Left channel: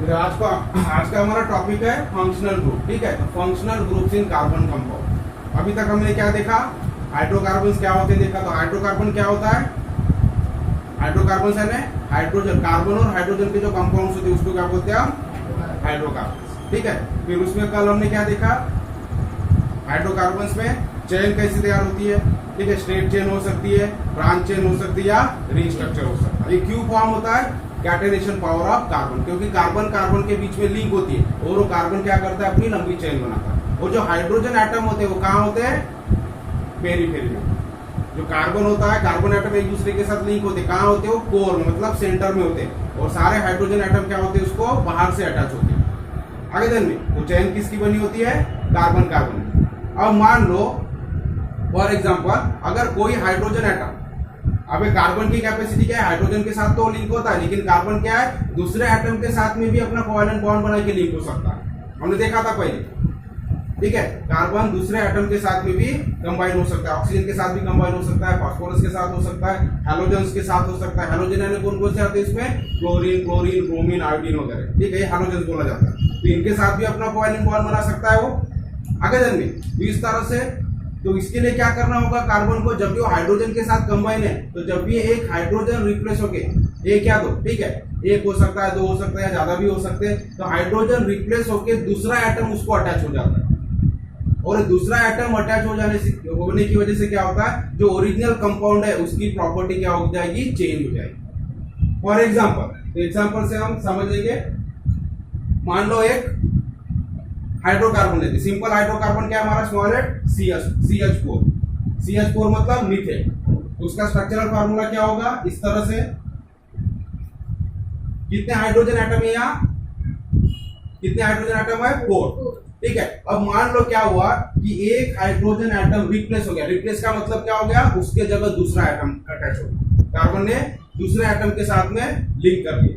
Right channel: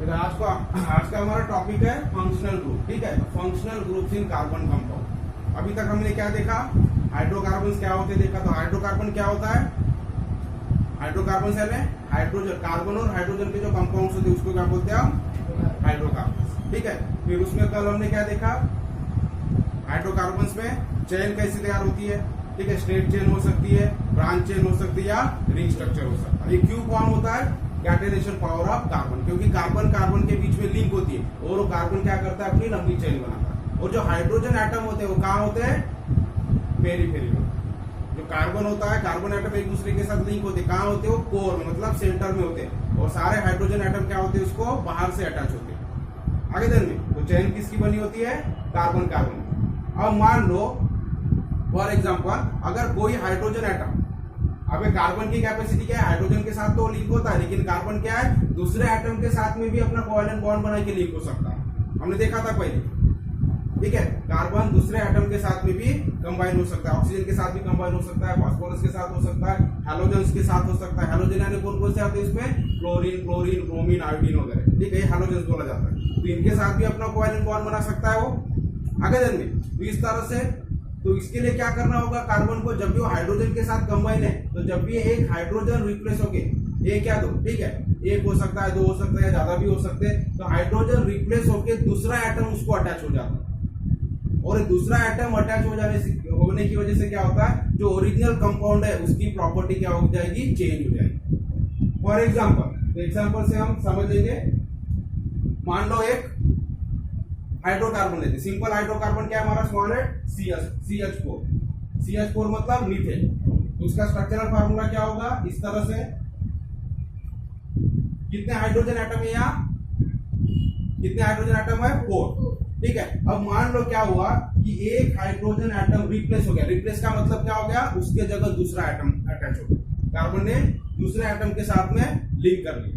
तो आज का हमारा टॉपिक है फंक्शनल ग्रुप। ठीक है, functional groups in carbon compound. अभी तक हमने क्या देखा, हाइड्रोकार्बन क्या होते हैं देखा। तो हाइड्रोकार्बन क्या होता है, हाइड्रोकार्बन यानी हाइड्रोजन, कार्बन और हाइड्रोजन के जो कंपाउंड्स होते हैं उसको क्या बोलते हैं हम, हाइड्रोकार्बन। ठीक है, फिर उसमें कल हमने क्या देखा, हाइड्रोकार्बन में चेन कैसे तैयार होती है। ठीक है, स्ट्रेट चेन हो सकती है, ब्रांच चेन हो सकती है या रिंग स्ट्रक्चर हो सकता है। ये क्यों फॉर्म होता है, कैटेनेशन पावर ऑफ कार्बन, क्योंकि कार्बन कार्बन के बीच में लिंक होती है और वो कार्बन क्या करता है, अपनी लंबी चेन बनाता है। और जो हाइड्रोजन एटम होते हैं वो कहाँ होते हैं, पेरीफेरी में। जो कार्बन होता है, कार्बन एटम एक दूसरे के साथ लिंक होते हैं, कहाँ होते हैं, वो कोर में, मतलब सेंटर में होते हैं। और सारे हाइड्रोजन एटम क्या होते हैं, उसको बाहर से अटैच होते हैं। आगे दिन में तो चेन किसकी बनी होती है, कार्बन कार्बन। अब मान लो फॉर एग्जाम्पल, अगर कोई हाइड्रोजन एटम, अब कार्बन की कैपेसिटी क्या है, हाइड्रोजन के साथ तो लिंक होता है, लेकिन कार्बन क्या है, दूसरे एटम के साथ में भी अपना कोवेलेंट बॉन्ड बना के लिंक हो सकता है। हमने देखा था पहले। ठीक है, कार्बन दूसरे एटम के साथ में भी कंबाइन हो सकता है, ऑक्सीजन के साथ भी कंबाइन हो सकता है, फास्फोरस के साथ हो सकता है, हैलोजेंस के साथ हो सकता है। हैलोजन यानी कौन कौन से आते हैं इसमें, क्लोरीन, क्लोरीन, ब्रोमीन, आयोडीन वगैरह। ठीक है, हैलोजेंस बोला जाता है। तो इनके साथ भी अपना कोवेलेंट बॉन्ड बना सकता है वो आगे जन में। तो इस तरह से, तो इसके लिए क्या करना होगा, कार्बन को जब भी वो हाइड्रोजन के साथ कंबाइन है, तो जब भी एक हाइड्रोजन रिप्लेस होके, एक या दो, ठीक है, एक हो सकता है, दो हो सकता है, या ज्यादा भी हो सकते हैं, तो हाइड्रोजन रिप्लेस होके दूसरा एटम उसको अटैच हो जाता है। और दूसरा एटम अटैच हो जाने से, होने की वजह से क्या होता है, जो ओरिजिनल कंपाउंड है उसकी प्रॉपर्टी क्या हो जाएगी, चेंज हो जाएगी। फॉर एग्जाम्पल, तो एग्जाम्पल से हम समझ लेंगे। मान लो एक हाइड्रोकार्बन लेते, सिंपल हाइड्रोकार्बन क्या है हमारा, स्मॉल एट CH4। CH4 मतलब मीथेन। उसका स्ट्रक्चरल फार्मूला क्या होगा, इस तरह से, कितने हाइड्रोजन एटम है यहाँ, कितने हाइड्रोजन एटम है, 4। ठीक है, अब मान लो क्या हुआ कि एक हाइड्रोजन एटम रिप्लेस हो गया। रिप्लेस का मतलब क्या हो गया, उसके जगह दूसरा एटम अटैच हो गया, कार्बन ने दूसरे एटम के साथ में लिंक कर दिया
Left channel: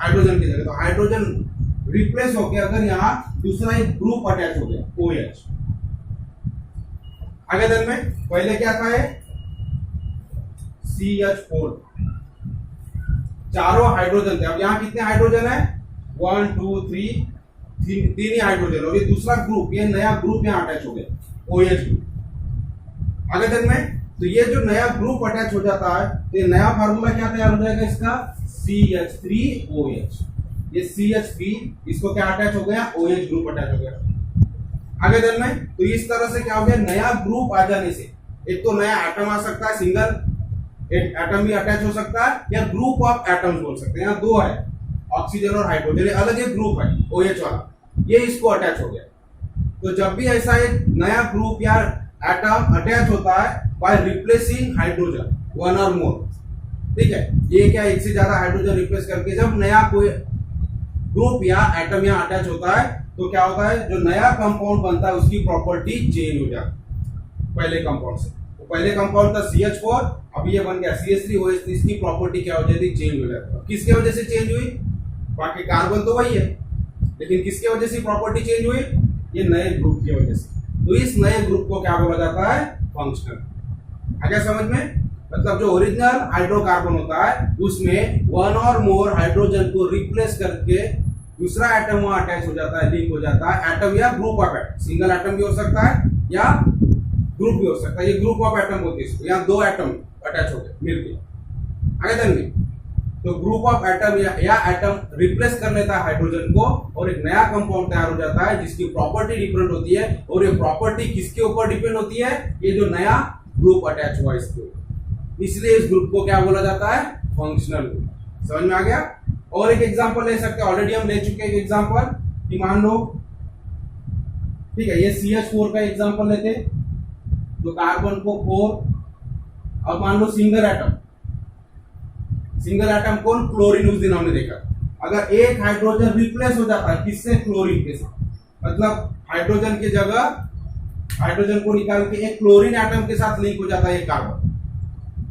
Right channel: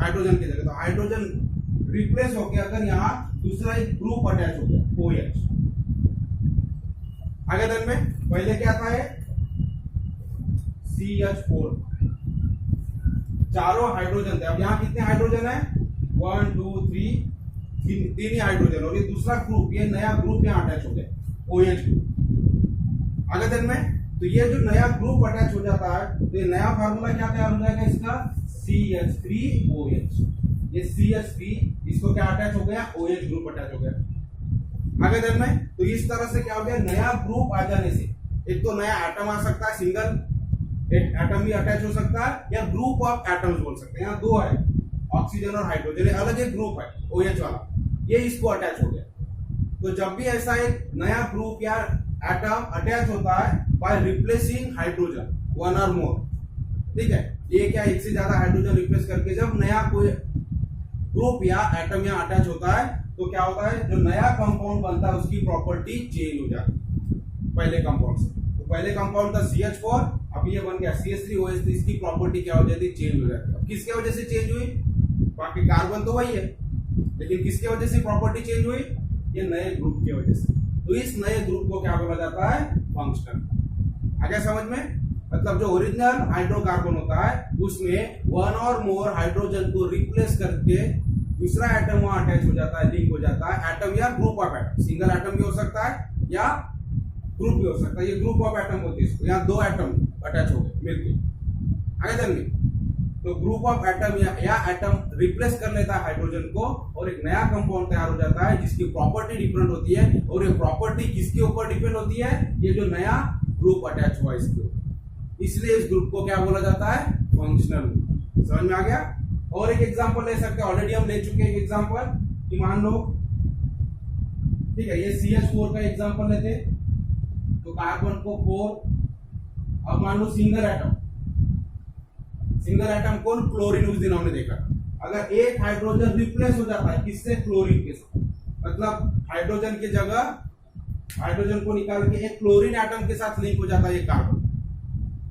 हाइड्रोजन की जगह। तो हाइड्रोजन रिप्लेस हो गया, अगर यहाँ दूसरा एक ग्रुप अटैच हो गया, OH। आगे दिन में पहले क्या था, CH4, चारों हाइड्रोजन थे। अब यहाँ कितने हाइड्रोजन है, 1 2 3, तीन ही हाइड्रोजन। और ये दूसरा ग्रुप, ये नया ग्रुप यहाँ अटैच हो गया, OH ग्रुप। आगे दिन में तो ये जो नया ग्रुप अटैच हो जाता है, तो ये नया फार्मूला क्या तैयार हो जाएगा इसका, CH3OH। ये CH3, इसको क्या अटैच हो गया, OH ग्रुप अटैच हो गया। आगे दिन में तो इस तरह से क्या हो गया, नया ग्रुप आ जाने से एक तो नया एटम आ सकता है, सिंगल एटम भी अटैच हो सकता है, या ग्रुप ऑफ एटम्स बोल सकते हैं। यहाँ दो है, ऑक्सीजन और हाइड्रोजन, अलग एक ग्रुप है OH वाला, ये इसको अटैच हो गया। तो जब भी ऐसा एक नया ग्रुप या एटम अटैच होता है बाय रिप्लेसिंग हाइड्रोजन 1 और मोर, ठीक है, एक या एक से ज्यादा हाइड्रोजन रिप्लेस करके जब नया कोई ग्रुप या एटम यहाँ अटैच होता है, तो क्या होता है, जो नया कंपाउंड बनता है उसकी प्रॉपर्टी चेंज हो जाती है पहले कंपाउंड से। तो पहले कंपाउंड था CH4, अब ये बन गया CH3OH। इसकी प्रॉपर्टी क्या हो जाती है, चेंज हो जाती है। किसके वजह से चेंज हुई, बाकी कार्बन तो वही है, लेकिन किसके वजह से प्रॉपर्टी चेंज हुई, ये नए ग्रुप की वजह से। तो इस नए ग्रुप को क्या बोला जाता है, फंक्शनल। आ गया समझ में, मतलब जो ओरिजिनल हाइड्रोकार्बन होता है उसमें 1 और मोर हाइड्रोजन को रिप्लेस करके दूसरा एटम वहां अटैच हो जाता है, लिंक हो जाता है। एटम या group of atom, single atom भी हो सकता है या ग्रुप भी हो सकता है। ये ग्रुप ऑफ एटम होती है, इसको यहाँ दो एटम अटैच हो गए मिलके। आगे चलेंगे, तो ग्रुप ऑफ एटम या एटम रिप्लेस कर लेता है हाइड्रोजन को, और एक नया कंपाउंड तैयार हो जाता है जिसकी प्रॉपर्टी डिफरेंट होती है। और ये प्रॉपर्टी किसके ऊपर डिपेंड होती है, ये जो नया ग्रुप अटैच हुआ इसके ऊपर। इसलिए इस ग्रुप को क्या बोला जाता है, फंक्शनल ग्रुप। समझ में आ गया। और एक एग्जांपल ले सकते हैं, ऑलरेडी हम ले चुके हैं एग्जांपल, कि मान लो, ठीक है, ये CH4 का एग्जांपल लेते, तो कार्बन को 4। अब मान लो सिंगल एटम, सिंगल एटम कौन, क्लोरीन, उस दिन हमने देखा। अगर एक हाइड्रोजन रिप्लेस हो जाता है किससे, क्लोरीन के साथ, मतलब हाइड्रोजन की जगह हाइड्रोजन को निकाल के एक क्लोरीन एटम के साथ लिंक हो जाता है ये कार्बन,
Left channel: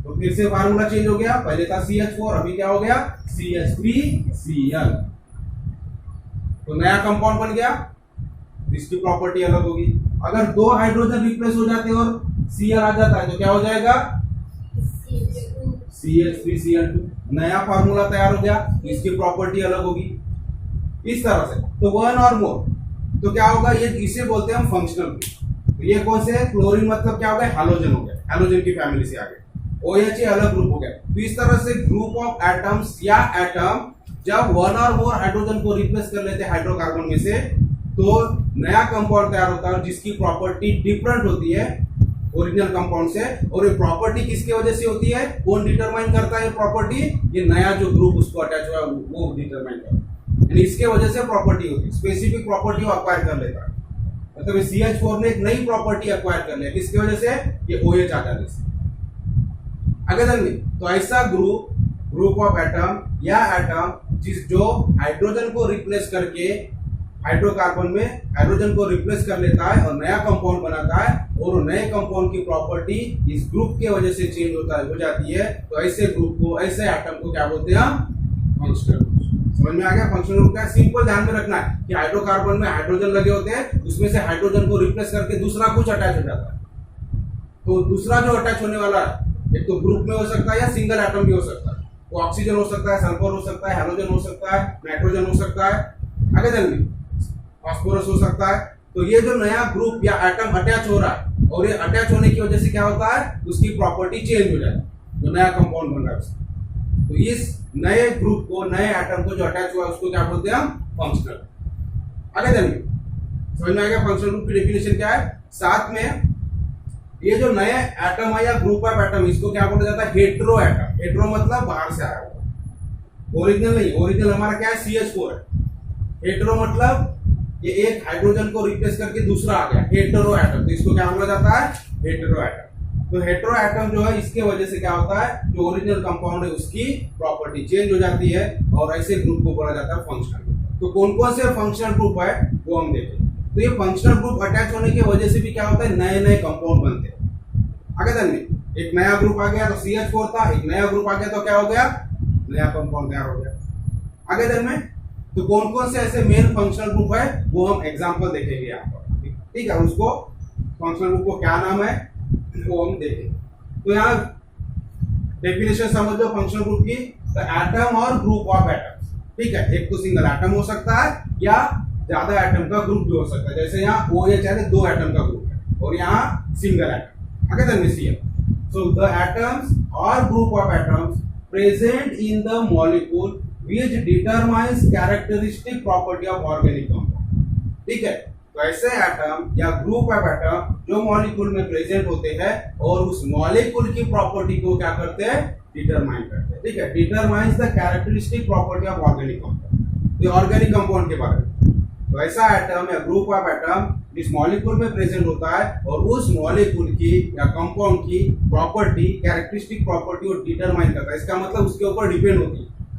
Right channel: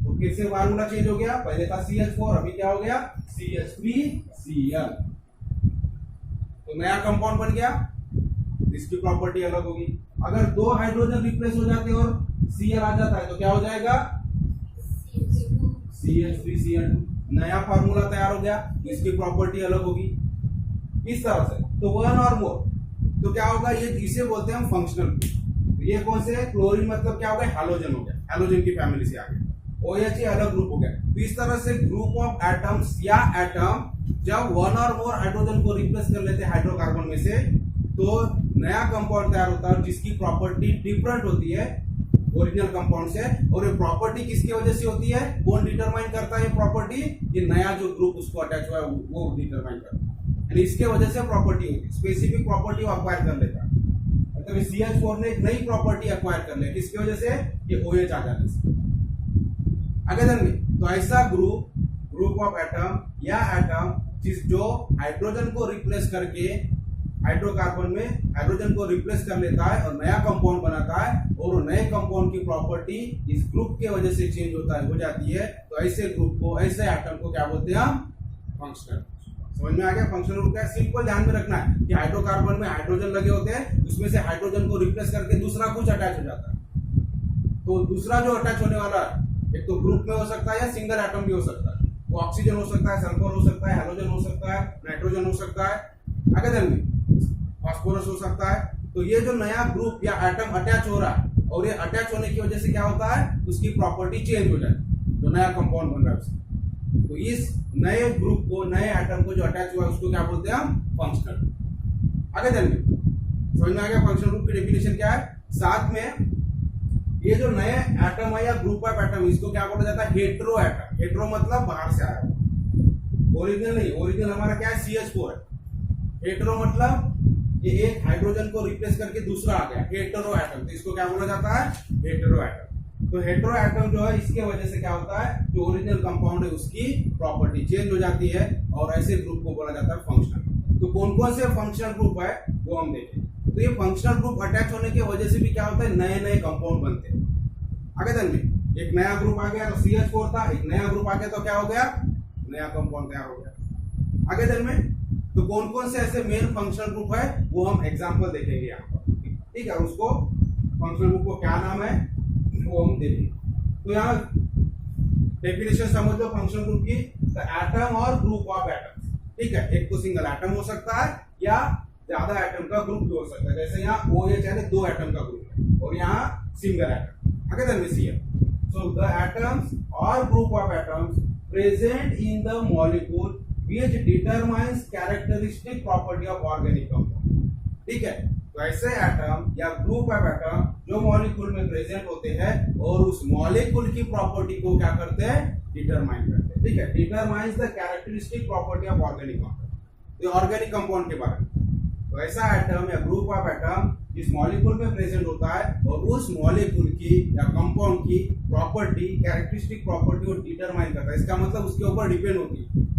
तो फिर से फार्मूला चेंज हो गया। पहले था CH4, अभी क्या हो गया, CH3Cl। तो नया कंपाउंड बन गया, इसकी प्रॉपर्टी अलग होगी। अगर दो हाइड्रोजन रिप्लेस हो जाते हैं और Cl आ जाता है, तो क्या हो जाएगा, CH3Cl2। नया फार्मूला तैयार हो गया, इसकी प्रॉपर्टी अलग होगी। इस तरह से। तो वन और मोर, तो क्या होगा, ये इसे बोलते हैं हम फंक्शनल ग्रुप। तो ये कौन से है, क्लोरीन मतलब क्या हो गया, हैलोजन हो गया, हैलोजन की फैमिली से आ गया। OH ये अलग ग्रुप हो गया। तो इस तरह से ग्रुप ऑफ एटम्स या एटम जब वन और मोर हाइड्रोजन को रिप्लेस कर लेते हैं हाइड्रोकार्बन में से, तो नया कंपाउंड तैयार होता है जिसकी प्रॉपर्टी डिफरेंट होती है ओरिजिनल कंपाउंड से। और ये प्रॉपर्टी किसकी वजह से होती है, कौन डिटरमाइन करता है ये प्रॉपर्टी, ये नया जो ग्रुप उसको अटैच हुआ है वो डिटरमाइन करता है, यानी इसके वजह से प्रॉपर्टी होती है, स्पेसिफिक प्रॉपर्टी अक्वायर कर लेता है। मतलब CH4 ने एक नई प्रॉपर्टी अक्वायर कर लिया, किसकी वजह से, ये OH आ जाने से। आगे चलिए, तो ऐसा ग्रुप ऑफ एटम या एटम जो हाइड्रोजन को रिप्लेस करके हाइड्रोकार्बन में हाइड्रोजन को रिप्लेस कर लेता है और नया कंपाउंड बनाता है, और नए कंपाउंड की प्रॉपर्टी इस ग्रुप के वजह से चेंज हो जाती है, तो ऐसे ग्रुप को, ऐसे एटम को क्या बोलते हैं हम, फंक्शनल ग्रुप। समझ में आ गया, फंक्शनल ग्रुप क्या, सिंपल ध्यान में रखना है कि हाइड्रोकार्बन में हाइड्रोजन लगे होते हैं, उसमें से हाइड्रोजन को रिप्लेस करके दूसरा कुछ अटैच हो जाता है। तो दूसरा जो अटैच होने वाला है, एक तो ग्रुप में हो सकता है या सिंगल एटम भी हो सकता है, वो ऑक्सीजन हो सकता है, सल्फर हो सकता है, हैलोजन हो सकता है, नाइट्रोजन हो सकता है, आगे चलिए फास्फोरस हो सकता है। तो ये जो नया ग्रुप या एटम अटैच हो रहा है, और ये अटैच होने की वजह से क्या होता है, उसकी प्रॉपर्टी चेंज हो जाती है, जो नया कंपाउंड बन रहा है उसका। तो इस नए ग्रुप को, नए एटम को जो अटैच हुआ है उसको क्या बोलते हैं हम, फंक्शनल। आगे चलिए, समझ में आ गया फंक्शनल ग्रुप की डेफिनेशन क्या है। साथ में ये जो नए एटम है या ग्रुप ऑफ एटम, इसको क्या बोला जाता है, हेट्रो एटम। हेट्रो मतलब बाहर से आया हुआ, ओरिजिनल नहीं। ओरिजिनल हमारा क्या है, CH4 है। हेट्रो मतलब ये एक हाइड्रोजन को रिप्लेस करके दूसरा आ गया, हेटेरो एटम। तो इसको क्या बोला जाता है, हेटेरो एटम। तो हेटेरो एटम जो है, इसके वजह से क्या होता है, जो ओरिजिनल कंपाउंड है उसकी प्रॉपर्टी चेंज हो जाती है, और ऐसे ग्रुप को बोला जाता है फंक्शनल। तो कौन कौन से फंक्शनल ग्रुप है वो हम देखें। तो ये फंक्शनल ग्रुप अटैच होने की वजह से भी क्या होता है, नए नए कंपाउंड बनते हैं। आगे चलिए, एक नया ग्रुप आ गया तो CH4 था, एक नया ग्रुप आ गया तो क्या हो गया, नया कंपाउंड तैयार हो गया। आगे चलिए, तो कौन कौन से ऐसे मेन फंक्शनल ग्रुप है वो हम एग्जांपल देखेंगे यहाँ पर, ठीक है। उसको फंक्शनल ग्रुप को क्या नाम है वो हम देखेंगे। तो यहाँ डेफिनेशन समझ लो फंक्शनल ग्रुप की, तो एटम और ग्रुप ऑफ एटम्स, ठीक है। एक तो सिंगल एटम हो सकता है या ज्यादा एटम का ग्रुप भी हो सकता है, जैसे यहाँ OH है, 2 एटम का ग्रुप है, और यहाँ सिंगल एटम। आगे चलिए, सो द एटम्स और group of atoms present in the molecule which determines characteristic property of organic compound, ठीक है। तो ऐसे एटम या ग्रुप ऑफ एटम जो मॉलिक्यूल में प्रेजेंट होते हैं और उस मॉलिक्यूल की प्रॉपर्टी को क्या करते हैं, डिटरमाइन करते हैं, ठीक है। Determines the characteristic property of organic compound, ये ऑर्गेनिक कंपाउंड के बारे में। तो ऐसा एटम या ग्रुप ऑफ एटम जिस मॉलिक्यूल में प्रेजेंट होता है और उस मॉलिक्यूल की या कंपाउंड की प्रॉपर्टी, कैरेक्टरिस्टिक प्रॉपर्टी को डिटरमाइन करता है। इसका मतलब उसके ऊपर डिपेंड होती है,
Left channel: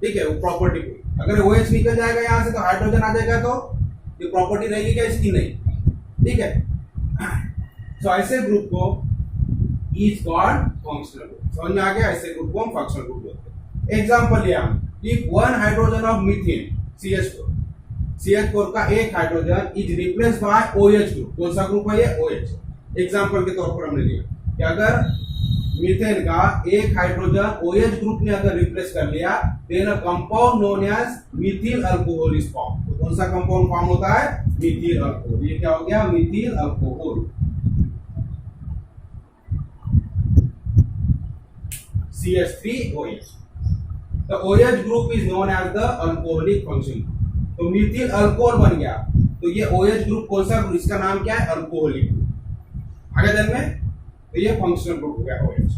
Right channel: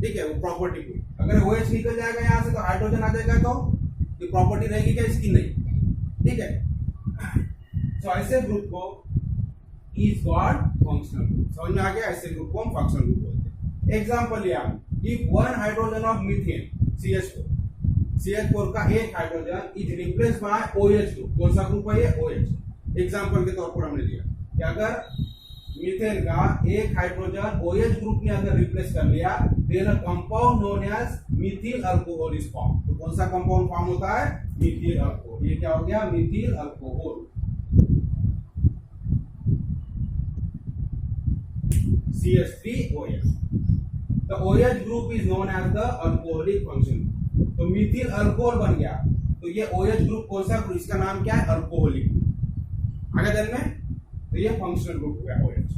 ठीक है, वो प्रॉपर्टी को। अगर OH निकल जाएगा यहाँ से तो हाइड्रोजन आ जाएगा, तो ये प्रॉपर्टी रहेगी क्या, इसकी नहीं, ठीक है। तो ऐसे ग्रुप को इज कॉल्ड फंक्शनल ग्रुप। समझ में आ गया, ऐसे ग्रुप को हम फंक्शनल ग्रुप बोलते हैं। एग्जांपल लिया हम, if one hydrogen of methane CH4 का एक hydrogen is replace by OH group. कौन सा ग्रुप है ये, OH। एग्जांपल के तौर पर हमने लिया कि अगर मीथेन का एक हाइड्रोजन OH ग्रुप ने अगर रिप्लेस कर लिया, then a compound known as methyl alcohol is form. तो कौन सा कंपाउंड फॉर्म होता है, मिथिल अल्कोहल। ये क्या हो गया, Mithil alcohol, CH3OH। The OH group is known as the alcoholic function। तो मिथिल अल्कोहल बन गया, तो ये OH ग्रुप कौन सा ग्रुप, इसका नाम क्या है, अल्कोहलिक ग्रुप। आगे चल में, तो ये फंक्शनल ग्रुप हो गया OH।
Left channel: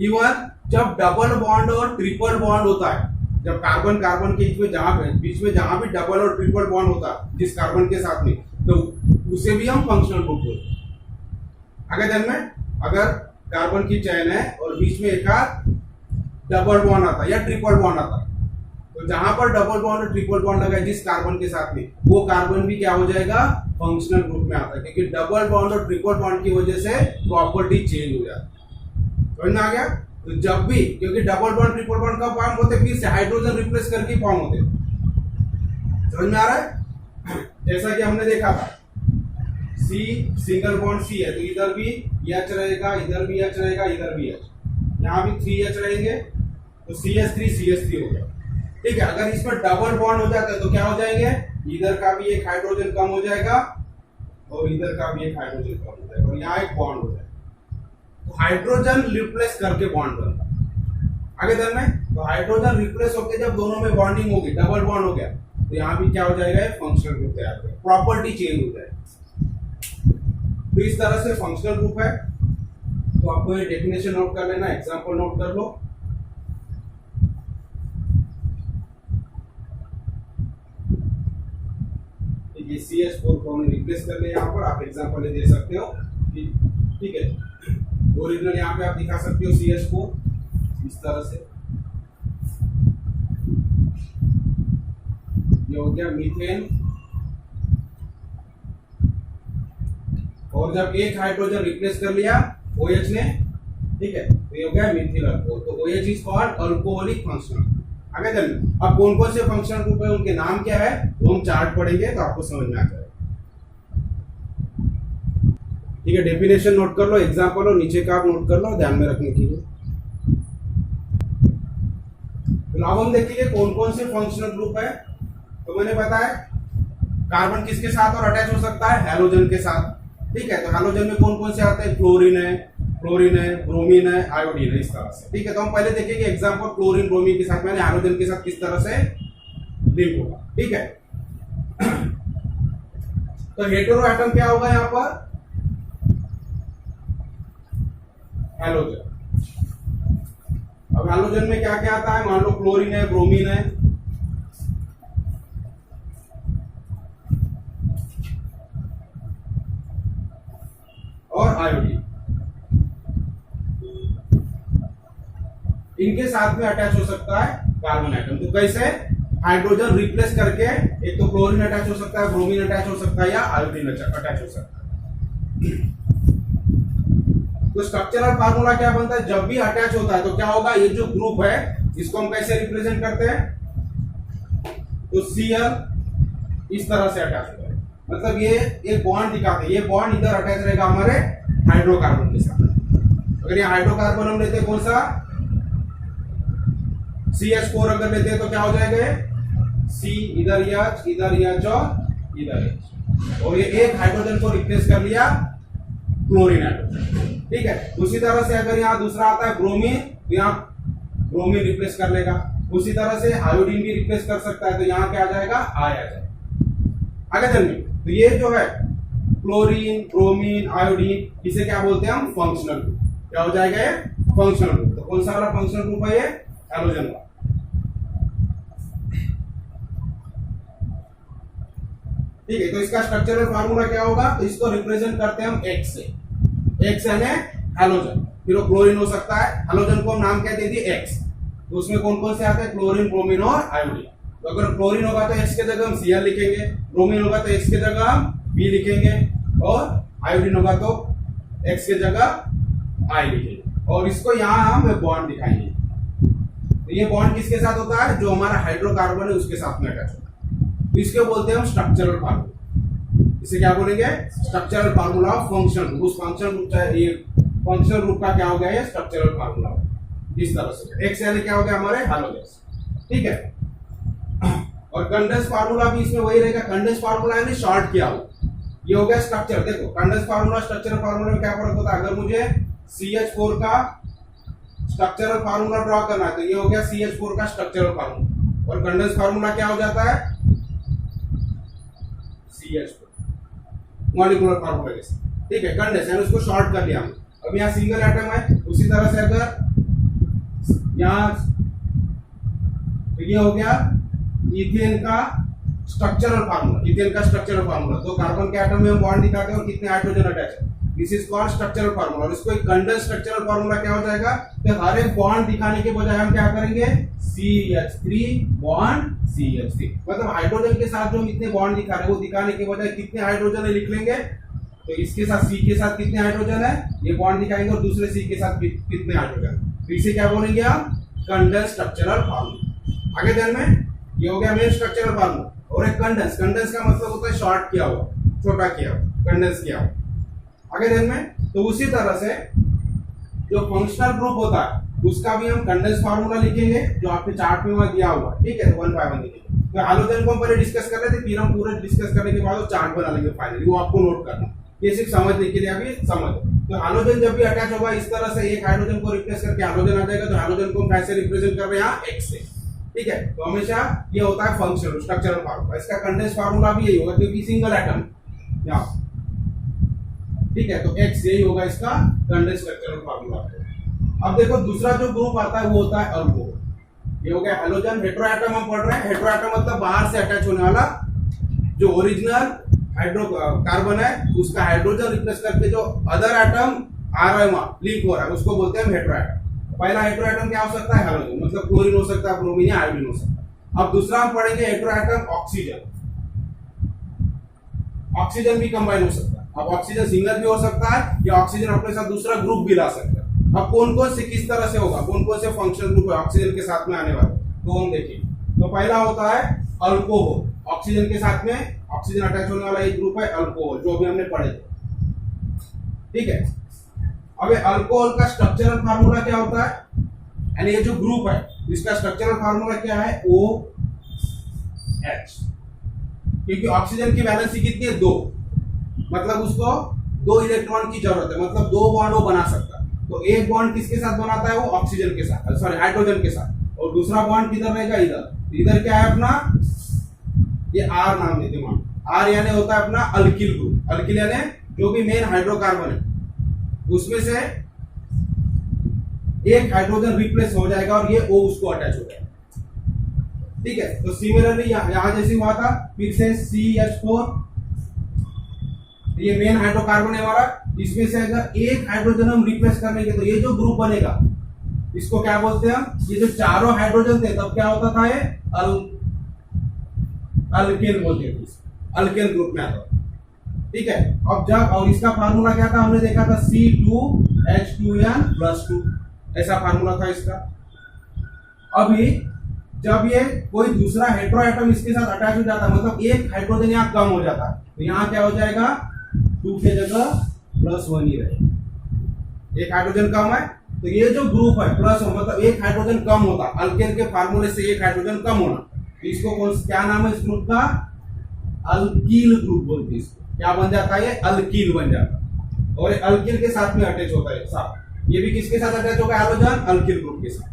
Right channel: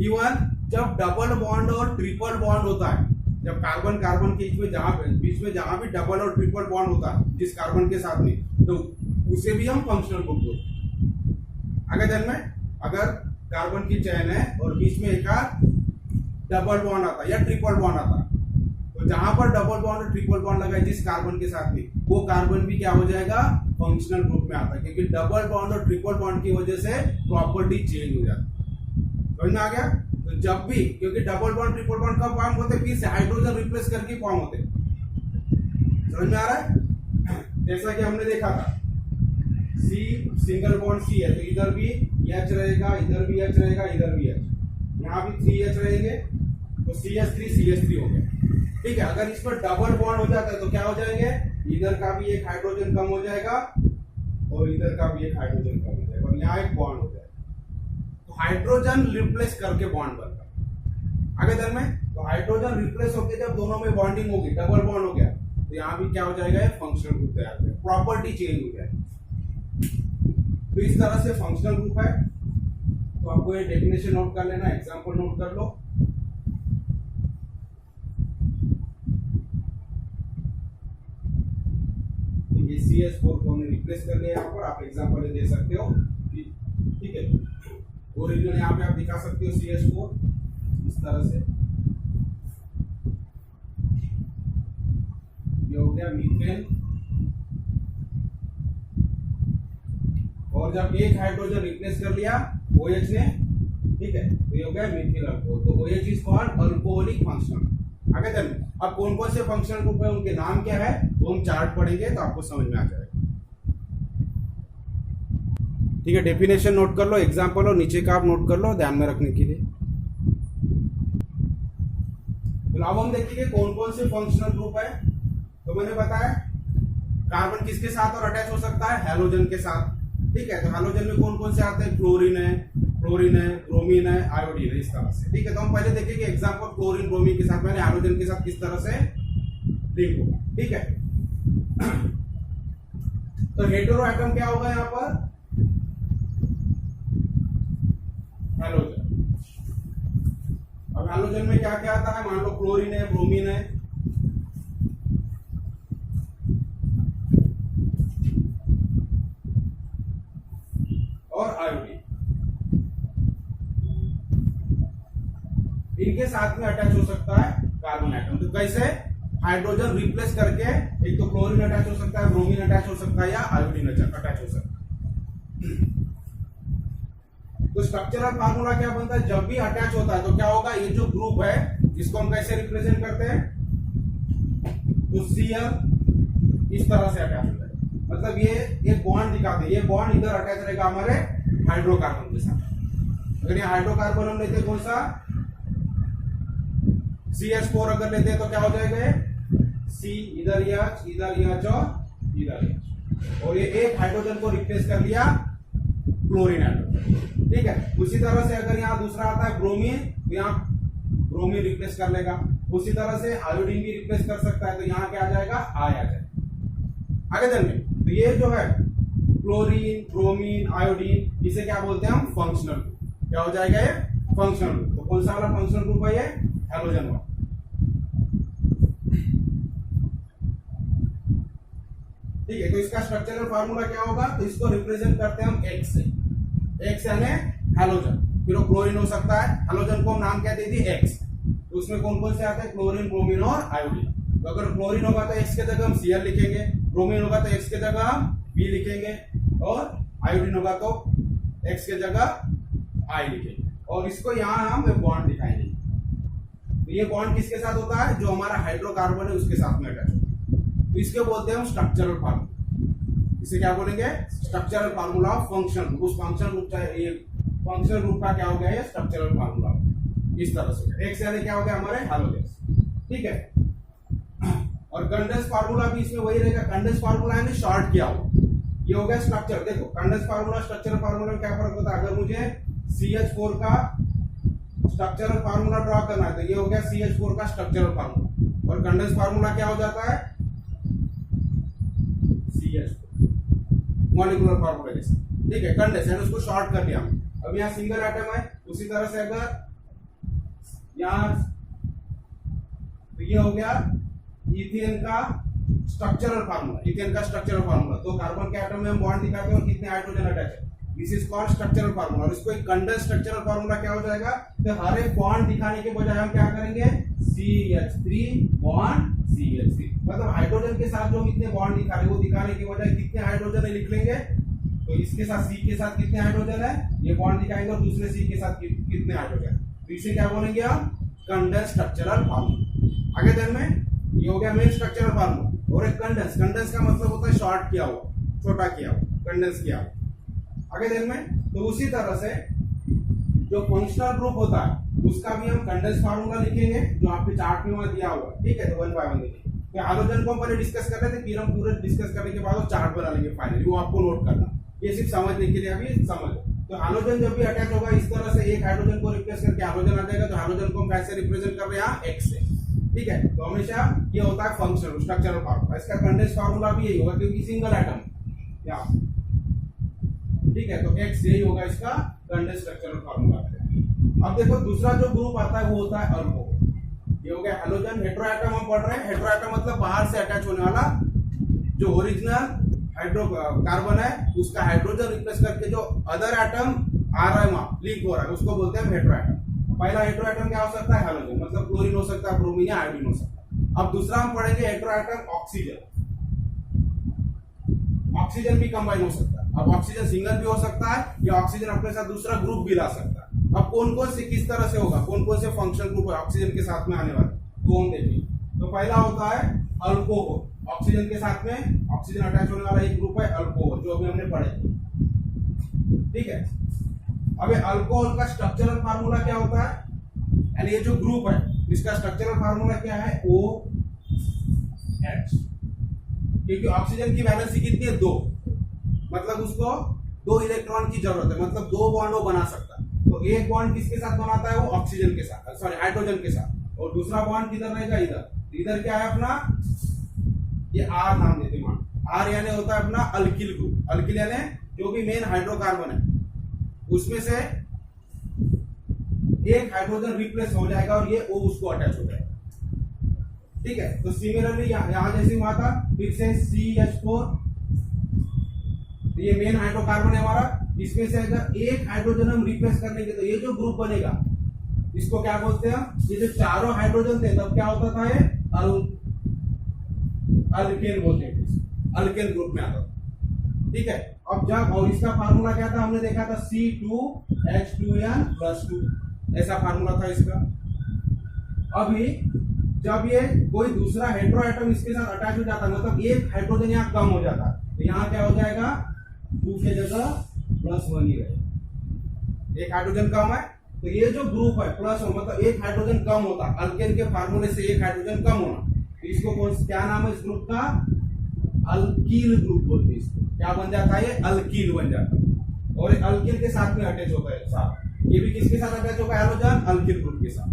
इवन जब डबल बॉन्ड और ट्रिपल बॉन्ड होता है, जब कार्बन कार्बन के बीच में जहां भी डबल और ट्रिपल बॉन्ड होता है जिस कार्बन के साथ में, तो उसे भी हम फंक्शनल ग्रुप बोलते हैं। आगे चल में, अगर कार्बन की चेन है और बीच में एक डबल बॉन्ड आता है या ट्रिपल बॉन्ड आता है, तो जहां पर डबल बॉन्ड और ट्रिपल बॉन्ड लगा है जिस कार्बन के साथ में, वो कार्बन भी क्या हो जाएगा, फंक्शनल ग्रुप में आता है, क्योंकि डबल बॉन्ड और ट्रिपल बॉन्ड की वजह से प्रॉपर्टी चेंज हो जाती है। समझ में आ गया। तो जब भी, क्योंकि डबल बॉन्ड ट्रिपल बॉन्ड कब फॉर्म होते, फिर से हाइड्रोजन रिप्लेस करके फॉर्म होते। समझ में आ रहा है। जैसा कि हमने देखा था, C सिंगल बॉन्ड C है, तो इधर भी H रहेगा, इधर भी H रहेगा, इधर भी H, यहाँ भी 3H रहेंगे, तो CH3 CH3 हो गया। ठीक है। अगर इसमें डबल बॉन्ड हो जाता है तो क्या हो जाएंगे, इधर का भी एक हाइड्रोजन कम हो जाएगा और इधर का भी एक हाइड्रोजन कम हो जाएगा और यहाँ एक बॉन्ड हो जाएगा। तो हाइड्रोजन रिप्लेस करके बॉन्ड बनता है। आगे ध्यान में, तो हाइड्रोजन रिप्लेस होकर जब दोनों में बॉन्डिंग होगी, डबल बॉन्ड हो गया, तो यहाँ भी क्या हो जाएगा, फंक्शनल ग्रुप तैयार हो, प्रॉपर्टी चेंज हो जाएगी। तो इस तरह से फंक्शनल ग्रुप है। तो आपको ये डेफिनेशन नोट कर लेना, एग्जांपल नोट कर लो। ये CH4 को हमने रिप्लेस कर लिया, यहाँ पर आप एग्जांपल दे सकते हो, ठीक है। ओरिजिनल यहाँ पे आप दिखा सकते हो CH4 इस तरह से, ये हो गया मीथेन। और जब एक हाइड्रोजन रिप्लेस कर लिया OH ने, ठीक है, तो ये हो गया मिथिल अल्कोहल। तो OH is called alcoholic functional. आगे चलिए, अब कौन कौन से फंक्शनल ग्रुप है, उनके नाम क्या है, वो हम चार्ट पढ़ेंगे तो आपको समझ में आ जाएगा। ठीक है, डेफिनेशन नोट कर लो, एग्जांपल और नीचे का आप नोट कर लो ध्यान में रखने के लिए। तो अब हम देखेंगे कौन कौन से फंक्शनल ग्रुप है। तो मैंने बताया कार्बन किसके साथ और अटैच हो सकता है, हैलोजन के साथ। ठीक है, तो हैलोजन में कौन कौन से आते हैं, क्लोरीन है, ब्रोमीन है, आयोडीन है, इस तरह से। ठीक है, तो हम पहले देखेंगे एग्जांपल क्लोरीन ब्रोमीन के साथ, मैंने हैलोजन के साथ किस तरह से लिंक होगा। ठीक है, तो हेटेरो एटम क्या होगा यहाँ पर, हैलोजन। अब हैलोजन में क्या क्या आता है, मान लो क्लोरीन है, ब्रोमीन है, और आयोडीन, इनके साथ में अटैच हो सकता है कार्बन एटम। तो कैसे, हाइड्रोजन रिप्लेस करके, एक तो क्लोरीन अटैच हो सकता है, ब्रोमीन अटैच हो सकता है, या आयोडीन अटैच हो सकता है। तो स्ट्रक्चरल फार्मूला क्या बनता है, जब भी अटैच होता है तो क्या होगा, ये जो ग्रुप है इसको हम कैसे रिप्रेजेंट करते हैं, तो Cl इस तरह से अटैच होता है, मतलब ये एक बॉन्ड दिखाते हैं, ये बॉन्ड इधर अटैच रहेगा हमारे हाइड्रोकार्बन के साथ। अगर ये हाइड्रोकार्बन हम लेते हैं कौन सा, CH4 अगर लेते हैं तो क्या हो जाएगा, C इधर H, इधर H और इधर H, और ये एक हाइड्रोजन को रिप्लेस कर लिया क्लोरीन हाइड्रोजन। ठीक है, उसी तरह से अगर यहाँ दूसरा आता है ब्रोमीन, तो यहाँ ब्रोमीन रिप्लेस कर लेगा। उसी तरह से आयोडीन भी रिप्लेस कर सकता है, तो यहाँ क्या आ जाएगा, आ जाएगा। आगे चलिए, तो ये जो है क्लोरीन, ब्रोमीन, आयोडीन, इसे क्या बोलते हैं हम, फंक्शनल ग्रुप। क्या हो जाएगा ये, फंक्शनल ग्रुप। तो कौन सा वाला फंक्शनल ग्रुप है ये, हैलोजन वाला। ठीक है, तो इसका स्ट्रक्चरल फार्मूला क्या होगा, तो इसको रिप्रेजेंट करते हैं हम X से। X यानी हैलोजन, फिर वो क्लोरीन हो सकता है, हैलोजन को हम नाम क्या दे दिए, X। तो उसमें कौन कौन से आते हैं, क्लोरीन, ब्रोमीन और आयोडीन। तो अगर क्लोरीन होगा तो X के जगह हम Cl लिखेंगे, ब्रोमीन होगा तो X के जगह हम B लिखेंगे, और आयोडीन होगा तो X के जगह I लिखेंगे, और इसको यहाँ हम बॉन्ड दिखाएंगे। तो ये बॉन्ड किसके साथ होता है, जो हमारा हाइड्रोकार्बन है उसके साथ में अटैच होता है। तो इसके बोलते हैं हम स्ट्रक्चरल फार्मूला। इसे क्या बोलेंगे, स्ट्रक्चरल फार्मूला ऑफ फंक्शन। उस फंक्शन ग्रुप, ये फंक्शनल ग्रुप का क्या हो गया, ये स्ट्रक्चरल फार्मूला इस तरह से। X यानी क्या हो गया, हमारे हैलोजन। ठीक है, और कंडेंस फार्मूला भी इसमें वही रहेगा। कंडेंस फार्मूला यानी शॉर्ट किया हो, ये हो गया स्ट्रक्चर। देखो कंडेंस फार्मूला स्ट्रक्चरल फार्मूला में क्या फर्क होता है, अगर मुझे CH4 का स्ट्रक्चरल फार्मूला ड्रॉ करना है तो ये हो गया CH4 का स्ट्रक्चरल फार्मूला, और कंडेंस फार्मूला क्या हो जाता है, CH4 मॉलिक्यूलर फार्मूला जैसे। ठीक है, कंडेंस यानी उसको शॉर्ट कर लिया हमने। अब यहाँ सिंगल एटम है, उसी तरह से अगर यहाँ, तो ये हो गया इथेन का स्ट्रक्चरल फार्मूला, इथेन का स्ट्रक्चरल फार्मूला। तो कार्बन के एटम में हम बॉन्ड दिखाते हैं और कितने हाइड्रोजन अटैच है, this is called structural formula. और इसको एक कंडेंस स्ट्रक्चरल फार्मूला क्या हो जाएगा, तो हर एक बॉन्ड दिखाने के बजाय हम क्या करेंगे, CH3 बॉन्ड CH3, मतलब हाइड्रोजन के साथ जो हम इतने बॉन्ड दिखा रहे हैं वो दिखाने के बजाय कितने हाइड्रोजन है लिख लेंगे। तो इसके साथ C के साथ कितने हाइड्रोजन है, ये बॉन्ड दिखाएंगे, और दूसरे C के साथ कितने हाइड्रोजन। तो इसे क्या बोलेंगे हम, कंडेंस स्ट्रक्चरल फार्मूला। आगे ध्यान में, ये हो गया मेन स्ट्रक्चरल फार्मूला। और एक कंडेंस, कंडेंस का मतलब होता है शॉर्ट किया हुआ, छोटा किया हुआ, कंडेंस किया हुआ। आगे ध्यान में, तो उसी तरह से जो फंक्शनल ग्रुप होता है उसका भी हम कंडेंस फार्मूला लिखेंगे जो आपके चार्ट में वहां दिया हुआ है, ठीक है। तो 1 बाय 1 लिखेंगे। तो हैलोजन को हम पहले डिस्कस कर रहे थे, फिर हम पूरे डिस्कस करने के बाद वो चार्ट बना लेंगे फाइनली, वो आपको नोट करना, ये सिर्फ समझने के लिए अभी समझ। तो हैलोजन जब भी अटैच होगा इस तरह से एक हाइड्रोजन को रिप्लेस करके हैलोजन आ जाएगा, तो हैलोजन को हम कैसे रिप्रेजेंट कर रहे हैं यहाँ x से, ठीक है। तो हमेशा ये होता है फंक्शनल स्ट्रक्चरल फार्मूला, इसका कंडेंस फार्मूला भी यही होगा क्योंकि सिंगल एटम यहाँ, ठीक है। तो x यही होगा इसका कंडेंस स्ट्रक्चरल फार्मूला। अब देखो दूसरा जो ग्रुप आता है वो होता है अल्कोहल। ये हो गया हैलोजन। हेटेरोएटम हम पढ़ रहे हैं, हेटेरोएटम मतलब बाहर से अटैच होने वाला, जो ओरिजिनल हाइड्रोकार्बन है उसका हाइड्रोजन रिप्लेस करके जो अदर एटम आ रहा है वहां लीक हो रहा है उसको बोलते हैं हेटेरोएटम। पहला हेटेरोएटम क्या हो सकता है, हैलोजन, मतलब क्लोरीन हो सकता है, ब्रोमीन या आयोडीन हो सकता है। अब दूसरा हम पढ़ेंगे हेटेरोएटम ऑक्सीजन। ऑक्सीजन भी कंबाइन हो सकता है। अब ऑक्सीजन सिंगल भी हो सकता है या ऑक्सीजन अपने साथ दूसरा ग्रुप भी ला सकता है। अब कौन कौन से किस तरह से होगा, कौन कौन से फंक्शनल ग्रुप है ऑक्सीजन के साथ में आने वाले, तो हम देखिए। तो पहला होता है अल्कोहल, ऑक्सीजन के साथ में ऑक्सीजन अटैच होने वाला एक ग्रुप है अल्कोहल, जो अभी हमने पढ़े थे, ठीक है। अब ये अल्कोहल का स्ट्रक्चरल फार्मूला क्या होता है, यानी ये जो ग्रुप है इसका स्ट्रक्चरल फार्मूला क्या है, OH, क्योंकि ऑक्सीजन की वैलेंसी कितनी है, 2, मतलब उसको 2 इलेक्ट्रॉन की जरूरत है, मतलब 2 बॉन्ड वो बना सकता है। तो एक बॉन्ड किसके साथ बनाता है, वो ऑक्सीजन के साथ, सॉरी हाइड्रोजन के साथ, और दूसरा बॉन्ड किधर रहेगा, इधर। इधर क्या है अपना, ये R नाम देते हैं, R यानी होता है अपना अल्किल ग्रुप। अल्किल यानी जो भी मेन हाइड्रोकार्बन है उसमें से एक हाइड्रोजन रिप्लेस हो जाएगा और ये O उसको अटैच हो जाएगा, ठीक है। तो सिमिलरली यहां जैसे हुआ था, फिर से CH4, ये मेन हाइड्रोकार्बन है हमारा, इसमें से अगर एक हाइड्रोजन हम रिप्लेस करने के तो ये जो ग्रुप बनेगा इसको क्या बोलते हैं हम, ये जो चारों हाइड्रोजन थे तब क्या होता था, ये अल्केन बोलते थे, अल्केन ग्रुप में आता, ठीक है। अब जब, और इसका फार्मूला क्या था, हमने देखा था C2H2n+2, ऐसा फार्मूला था इसका। अभी जब ये कोई दूसरा हेटेरोएटम इसके साथ अटैच हो जाता है, मतलब एक हाइड्रोजन यहाँ कम हो जाता है, तो यहाँ क्या हो जाएगा, 2 के जगह +1 ही रहेगा, एक हाइड्रोजन कम है। तो ये जो ग्रुप है प्लस, मतलब एक हाइड्रोजन कम होता, अल्केन के फार्मूले से एक हाइड्रोजन कम होना, तो इसको क्या नाम है इस ग्रुप का, अल्कील ग्रुप बोलते हैं इसको। क्या बन जाता है, ये अल्कील बन जाता है, और ये अल्कील के साथ में अटैच होता है साथ। ये भी किसके साथ अटैच होगा, हैलोजन, अल्कील ग्रुप के साथ।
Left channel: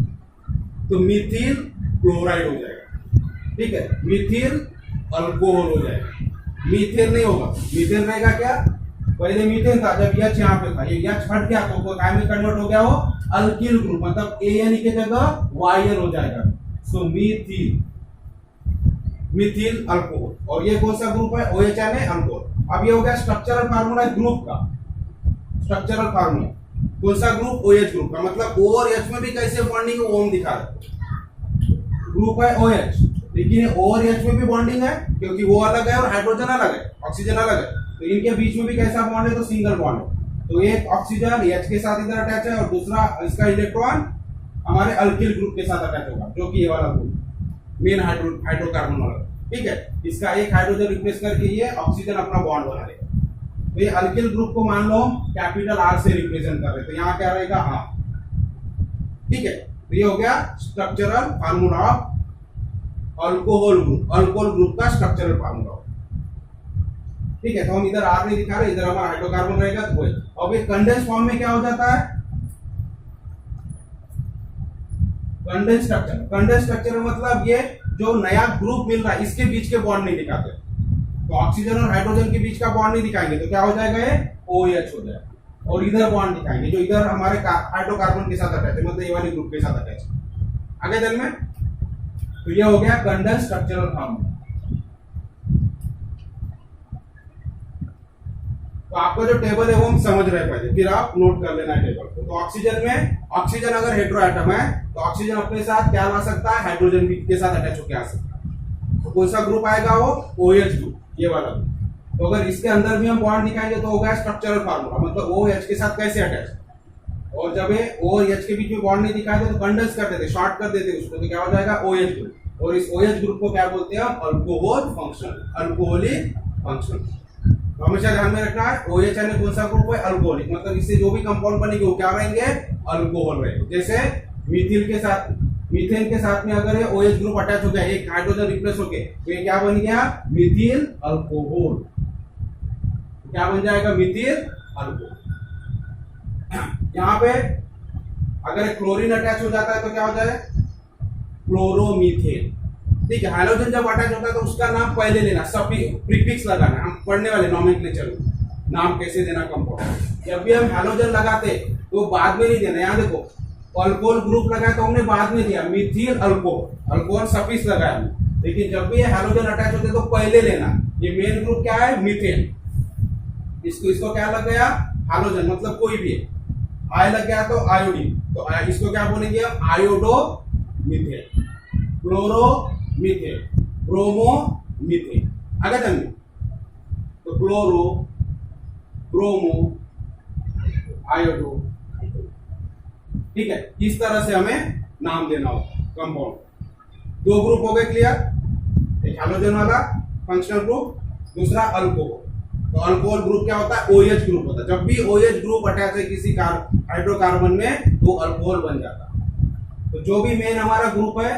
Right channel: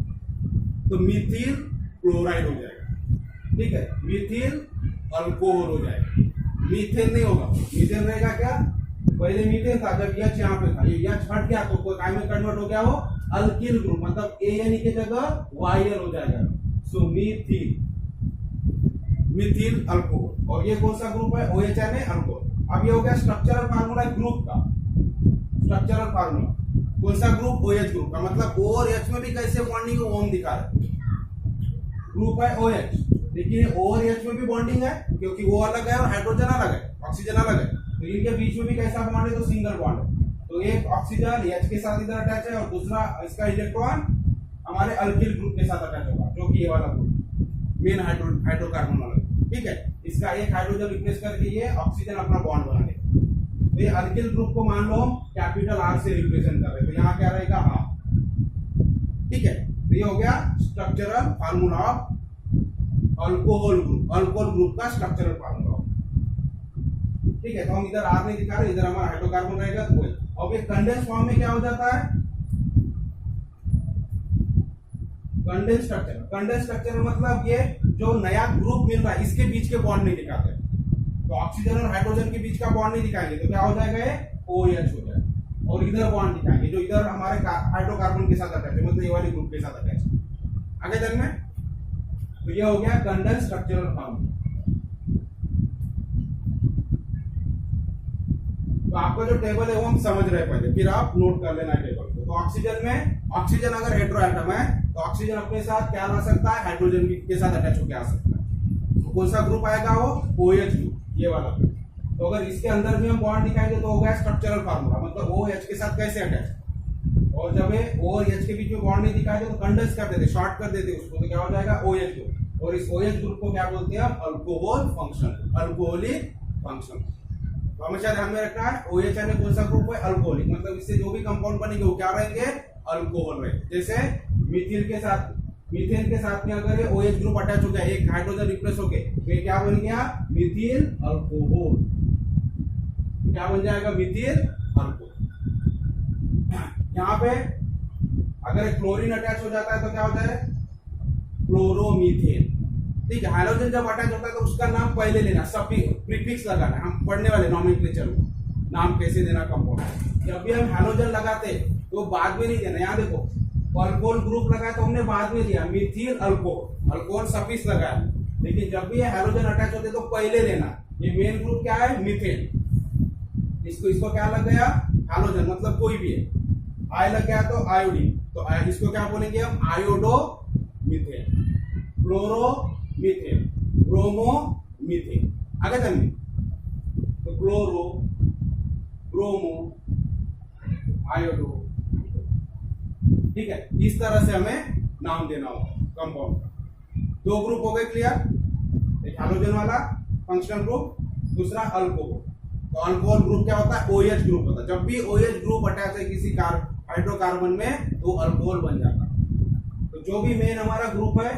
तो मिथिल क्लोराइड हो जाएगा, ठीक है, मिथिल अल्कोहल हो जाएगा, मीथेन नहीं होगा। मीथेन रहेगा क्या, पहले मीथेन था, जब H यहाँ पे था, ये H हट गया तो काय में कन्वर्ट हो गया, वो अल्किल ग्रुप, मतलब AN के जगह YN हो जाएगा। सो मीथिल, मिथिल अल्कोहल। और ये कौन सा ग्रुप है, OH यानी अल्कोहल। अब ये हो गया स्ट्रक्चरल फार्मूला ग्रुप का, स्ट्रक्चरल फार्मूला कौन सा ग्रुप, OH ग्रुप का, मतलब O और H में भी कैसे बॉन्डिंग है वो हम दिखा रहे। ग्रुप है OH, लेकिन O और H में भी बॉन्डिंग है क्योंकि वो अलग है और हाइड्रोजन अलग है, ऑक्सीजन अलग है, तो इनके बीच में भी कैसा बॉन्ड है, तो सिंगल बॉन्ड है। तो एक ऑक्सीजन H के साथ इधर अटैच है और दूसरा इसका इलेक्ट्रॉन हमारे अल्किल ग्रुप के साथ अटैच होगा, जो कि ये वाला ग्रुप मेन हाइड्रोकार्बन वाला, ठीक है। इसका एक हाइड्रोजन रिप्लेस करके ये ऑक्सीजन अपना बॉन्ड बना लेगा। तो ये अल्किल ग्रुप को मान लो कैपिटल R से रिप्रेजेंट कर रहे हैं, तो यहाँ क्या रहेगा, R, ठीक है। तो ये हो गया structural formula of alcohol group, alcohol group का स्ट्रक्चरल फार्मूला, ठीक है। तो हम इधर R नहीं दिखा रहे, इधर हमारा हाइड्रोकार्बन रहेगा, तो वही। अब ये कंडेंस फॉर्म में क्या हो जाता है, कंडेंस स्ट्रक्चर। कंडेंस स्ट्रक्चर मतलब ये जो नया ग्रुप मिल रहा है इसके बीच के बॉन्ड नहीं दिखाते, तो ऑक्सीजन और हाइड्रोजन के बीच का बॉन्ड नहीं दिखाएंगे, तो क्या हो जाएगा, ये OH हो जाएगा। और इधर बॉन्ड दिखाएंगे जो इधर हमारे हाइड्रोकार्बन के साथ अटैच है, मतलब ये वाले ग्रुप के साथ अटैच है। आगे चल में, तो ये हो गया कंडेंस स्ट्रक्चरल फार्मूला। तो आपका जो टेबल है वो हम समझ रहे पहले, फिर आप नोट कर लेना है टेबल को। तो ऑक्सीजन में, ऑक्सीजन अगर हेटेरोएटम है तो ऑक्सीजन अपने साथ क्या ला सकता है, हाइड्रोजन भी के साथ अटैच होकर आ सकता है। तो कौन सा ग्रुप आएगा, वो OH ग्रुप, ये वाला ग्रुप। तो अगर इसके अंदर भी हम बॉन्ड दिखाएंगे तो हो गया स्ट्रक्चरल फार्मूला, मतलब OH के साथ कैसे अटैच। और जब ये O और H के बीच में बॉन्ड नहीं दिखाते तो कंडेंस कर देते, शॉर्ट कर देते उसको, तो क्या हो जाएगा, OH ग्रुप। और इस OH ग्रुप को क्या बोलते हैं हम, अल्कोहल फंक्शनल, अल्कोहलिक फंक्शनल। तो हमेशा ध्यान में रखना है, OH यानी कौन सा ग्रुप है, अल्कोहलिक, मतलब इससे जो भी कंपाउंड बनेंगे वो क्या रहेंगे, अल्कोहल रहेंगे। जैसे मीथेन के साथ में अगर ये OH ग्रुप अटैच हो गया, एक हाइड्रोजन रिप्लेस हो गए, तो ये क्या बन गया? मिथिल अल्कोहल। क्या बन जाएगा? मिथिल अल्कोहल। यहाँ पे अगर क्लोरीन अटैच हो जाता है तो क्या हो जाए? क्लोरोमीथेन। ठीक है, हाइड्रोजन जब अटैच होता है तो उसका नाम पहले लेना, प्रीफिक्स लगाना। हम पढ़ने वाले नॉमेनक्लेचर में नाम कैसे देना कंपाउंड। जब भी हम हाइड्रोजन लगाते तो बाद में नहीं देना। यहाँ देखो, अल्कोहल ग्रुप लगाया तो हमने बाद में दिया मिथिल अल्कोहल, अल्कोहल सफिक्स लगाया। लेकिन जब भी हाइड्रोजन अटैच होते तो पहले लेना। ये मेन ग्रुप क्या है? मीथेन। इसको क्या लग गया? हाइड्रोजन, मतलब कोई भी है। आई लग गया तो आयोडीन, तो इसको क्या बोलेंगे हम? Iodo methane, chloro methane, bromo methane. आगे चलिए, तो क्लोरो, ब्रोमो, आयोडो। ठीक है, इस तरह से हमें नाम देना होगा कंपाउंड। दो ग्रुप हो गए क्लियर, एक हाइड्रोजन वाला फंक्शनल ग्रुप, दूसरा अल्कोहल। तो अल्कोहल ग्रुप क्या होता है? OH ग्रुप होता है। जब भी OH ग्रुप अटैच है किसी हाइड्रोकार्बन में तो अल्कोहल बन जाता है। तो जो भी मेन हमारा ग्रुप है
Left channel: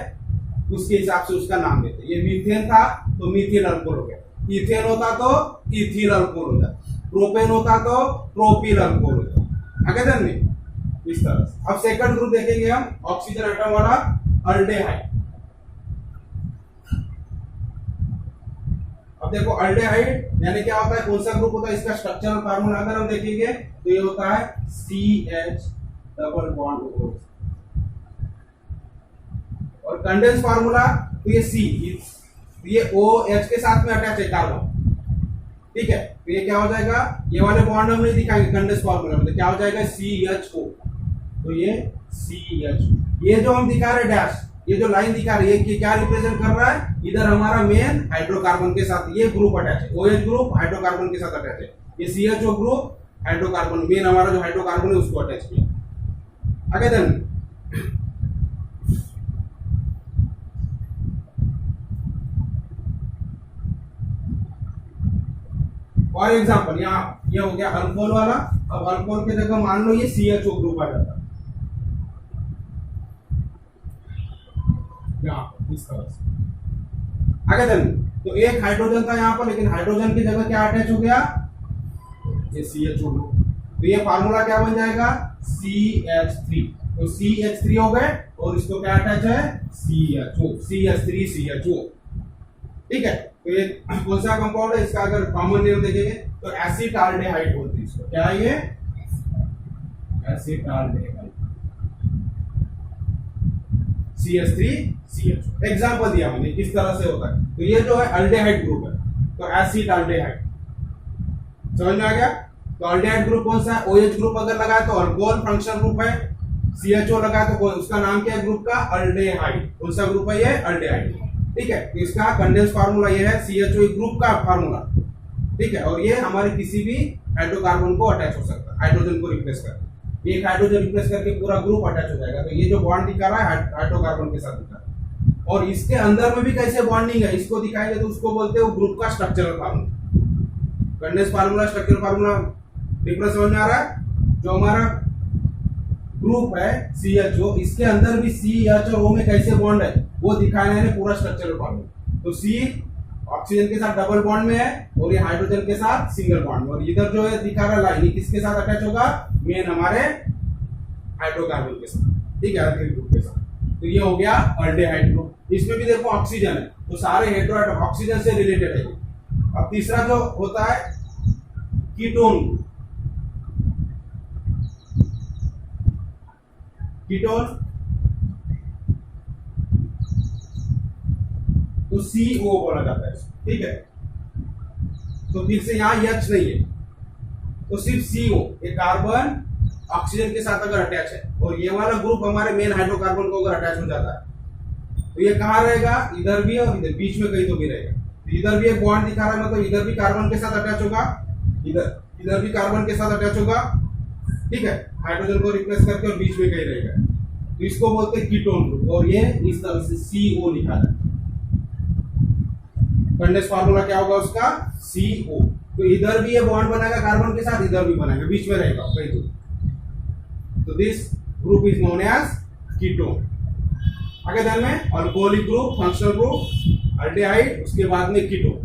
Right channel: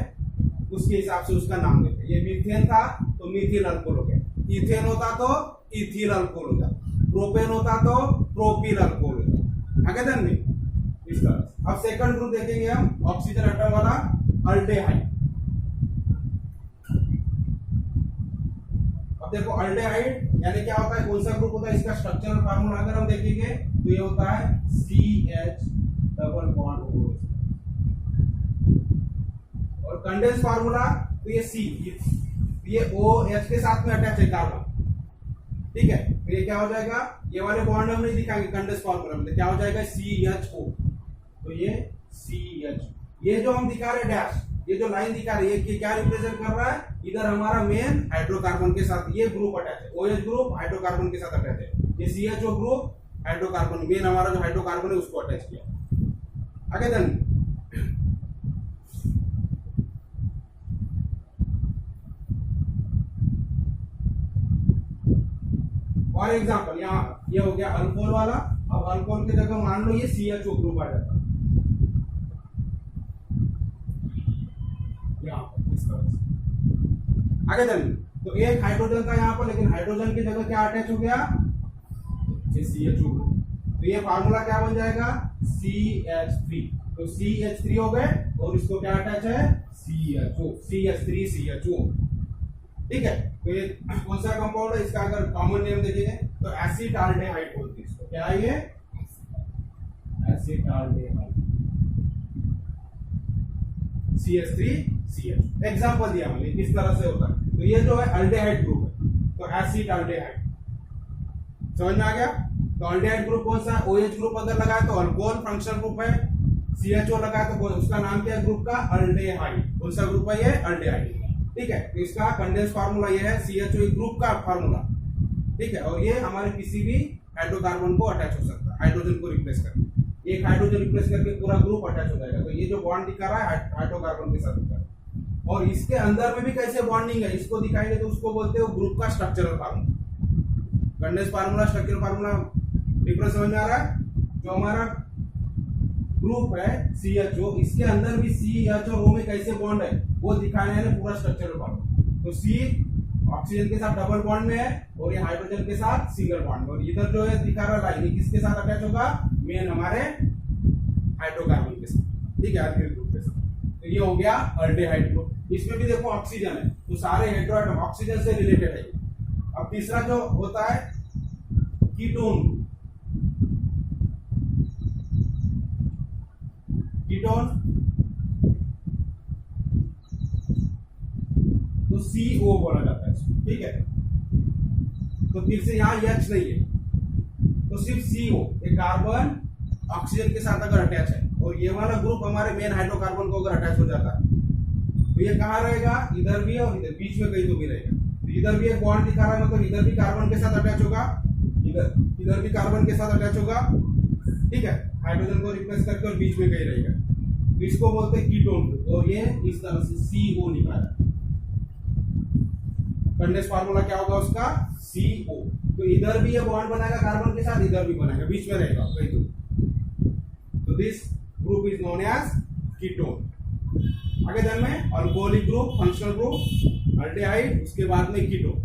उसके हिसाब से उसका नाम देते हैं। ये मीथेन था तो मिथिल अल्कोहल हो गया, इथेन होता तो इथिल अल्कोहल हो जाता, प्रोपेन होता तो प्रोपिल अल्कोहल हो जाता। आगे ध्यान, इस तरह से। अब सेकंड ग्रुप देखेंगे हम, ऑक्सीजन एटम वाला अल्डेहाइड। अब देखो अल्डेहाइड यानी क्या होता है, कौन सा ग्रुप होता है? इसका स्ट्रक्चरल फार्मूला अगर हम देखेंगे तो ये होता है CH डबल बॉन्ड O। और कंडेंस फार्मूला तो ये C, ये OH के साथ में अटैच है कार्बन। ठीक है, तो ये क्या हो जाएगा? ये वाले बॉन्ड हम नहीं दिखाएंगे कंडेंस फार्मूला में, तो क्या हो जाएगा? CHO। तो ये CH, ये जो हम दिखा रहे डैश, ये जो लाइन दिखा रही है कि क्या रिप्रेजेंट कर रहा है? इधर हमारा मेन हाइड्रोकार्बन के साथ ये ग्रुप अटैच है, OH ग्रुप हाइड्रोकार्बन के साथ अटैच है। ये CHO ग्रुप हाइड्रोकार्बन, मेन हमारा जो हाइड्रोकार्बन है उसको अटैच किया। आगे देन फॉर एग्जांपल यहाँ ये हो गया अल्कोहल वाला। अब अल्कोहल की जगह मान लो ये CHO ग्रुप आ जाता है यहाँ इस तरह से। आगे चलिए, तो एक हाइड्रोजन था यहाँ पर, लेकिन हाइड्रोजन की जगह क्या अटैच हो गया? ये CHO ग्रुप। तो ये फार्मूला क्या बन जाएगा? CH3। तो CH3 हो गए और इसको क्या अटैच है? CHO, CH3CHO। ठीक है, तो ये कौन सा कंपाउंड है? इसका अगर कॉमन नेम देखेंगे तो एसिटाल्डेहाइड बोलते हैं इसको। क्या है ये? एसिटाल्डेहाइड, CH3CH। एग्जांपल दिया मैंने किस तरह से होता है। तो ये जो है अल्डेहाइड ग्रुप है, तो एसिटाल्डेहाइड। समझ में आ गया? तो अल्डेहाइड ग्रुप कौन सा है? OH ग्रुप अगर लगाए तो अल्कोहल फंक्शनल ग्रुप है, CHO लगाए तो उसका नाम क्या है ग्रुप का? अल्डेहाइड। कौन सा ग्रुप है ये? अल्डेहाइड। ठीक है, तो इसका कंडेंस फार्मूला ये है, CHO ग्रुप का फार्मूला। ठीक है, और ये हमारे किसी भी हाइड्रोकार्बन को अटैच हो सकता है, हाइड्रोजन को रिप्लेस करके। एक हाइड्रोजन रिप्लेस करके पूरा ग्रुप अटैच हो जाएगा। तो ये जो बॉन्ड दिखा रहा है हाइड्रोकार्बन के साथ दिखा रहा है। और इसके अंदर में भी कैसे बॉन्डिंग है इसको दिखाएंगे तो उसको बोलते हैं ग्रुप का structural formula. Condense formula, structural formula difference समझ में आ रहा है? जो हमारा ग्रुप है CHO, इसके अंदर भी CH और O में कैसे बॉन्ड है वो दिखाना है पूरा स्ट्रक्चरल फार्मूला। तो C ऑक्सीजन के साथ डबल बॉन्ड में है और ये हाइड्रोजन के साथ सिंगल बॉन्ड में। और इधर जो है दिखा रहा लाइन, किसके साथ अटैच होगा? मेन हमारे हाइड्रोकार्बन के साथ। ठीक है, अल्किल ग्रुप के साथ। तो ये हो गया अल्डेहाइड ग्रुप। इसमें भी देखो ऑक्सीजन है, तो सारे हेटेरोएटम ऑक्सीजन से रिलेटेड है। अब तीसरा जो होता है कीटोन। कीटोन तो CO बोला जाता है, ठीक है। तो फिर से यहाँ H नहीं है, तो सिर्फ CO, एक कार्बन ऑक्सीजन के साथ अगर अटैच है और ये वाला ग्रुप हमारे मेन हाइड्रोकार्बन को अगर अटैच हो जाता है तो ये कहाँ रहेगा? इधर भी और इधर, बीच में कहीं तो भी रहेगा। तो इधर भी एक बॉन्ड दिखा रहा है, मतलब इधर भी कार्बन के साथ अटैच होगा, इधर भी कार्बन के साथ अटैच होगा। ठीक है, हाइड्रोजन को रिप्लेस करके और बीच में कहीं रहेगा। तो इसको बोलते हैं कीटोन ग्रुप। और ये इस तरह से CO लिखा है। कंडेंस फार्मूला क्या होगा उसका? CO। तो इधर भी ये बॉन्ड बनाएगा कार्बन के साथ, इधर भी बनाएगा, बीच में रहेगा कहीं तो this group is known as ketone. आगे ध्यान में alcoholic group, functional group, aldehyde, उसके बाद में कीटोन।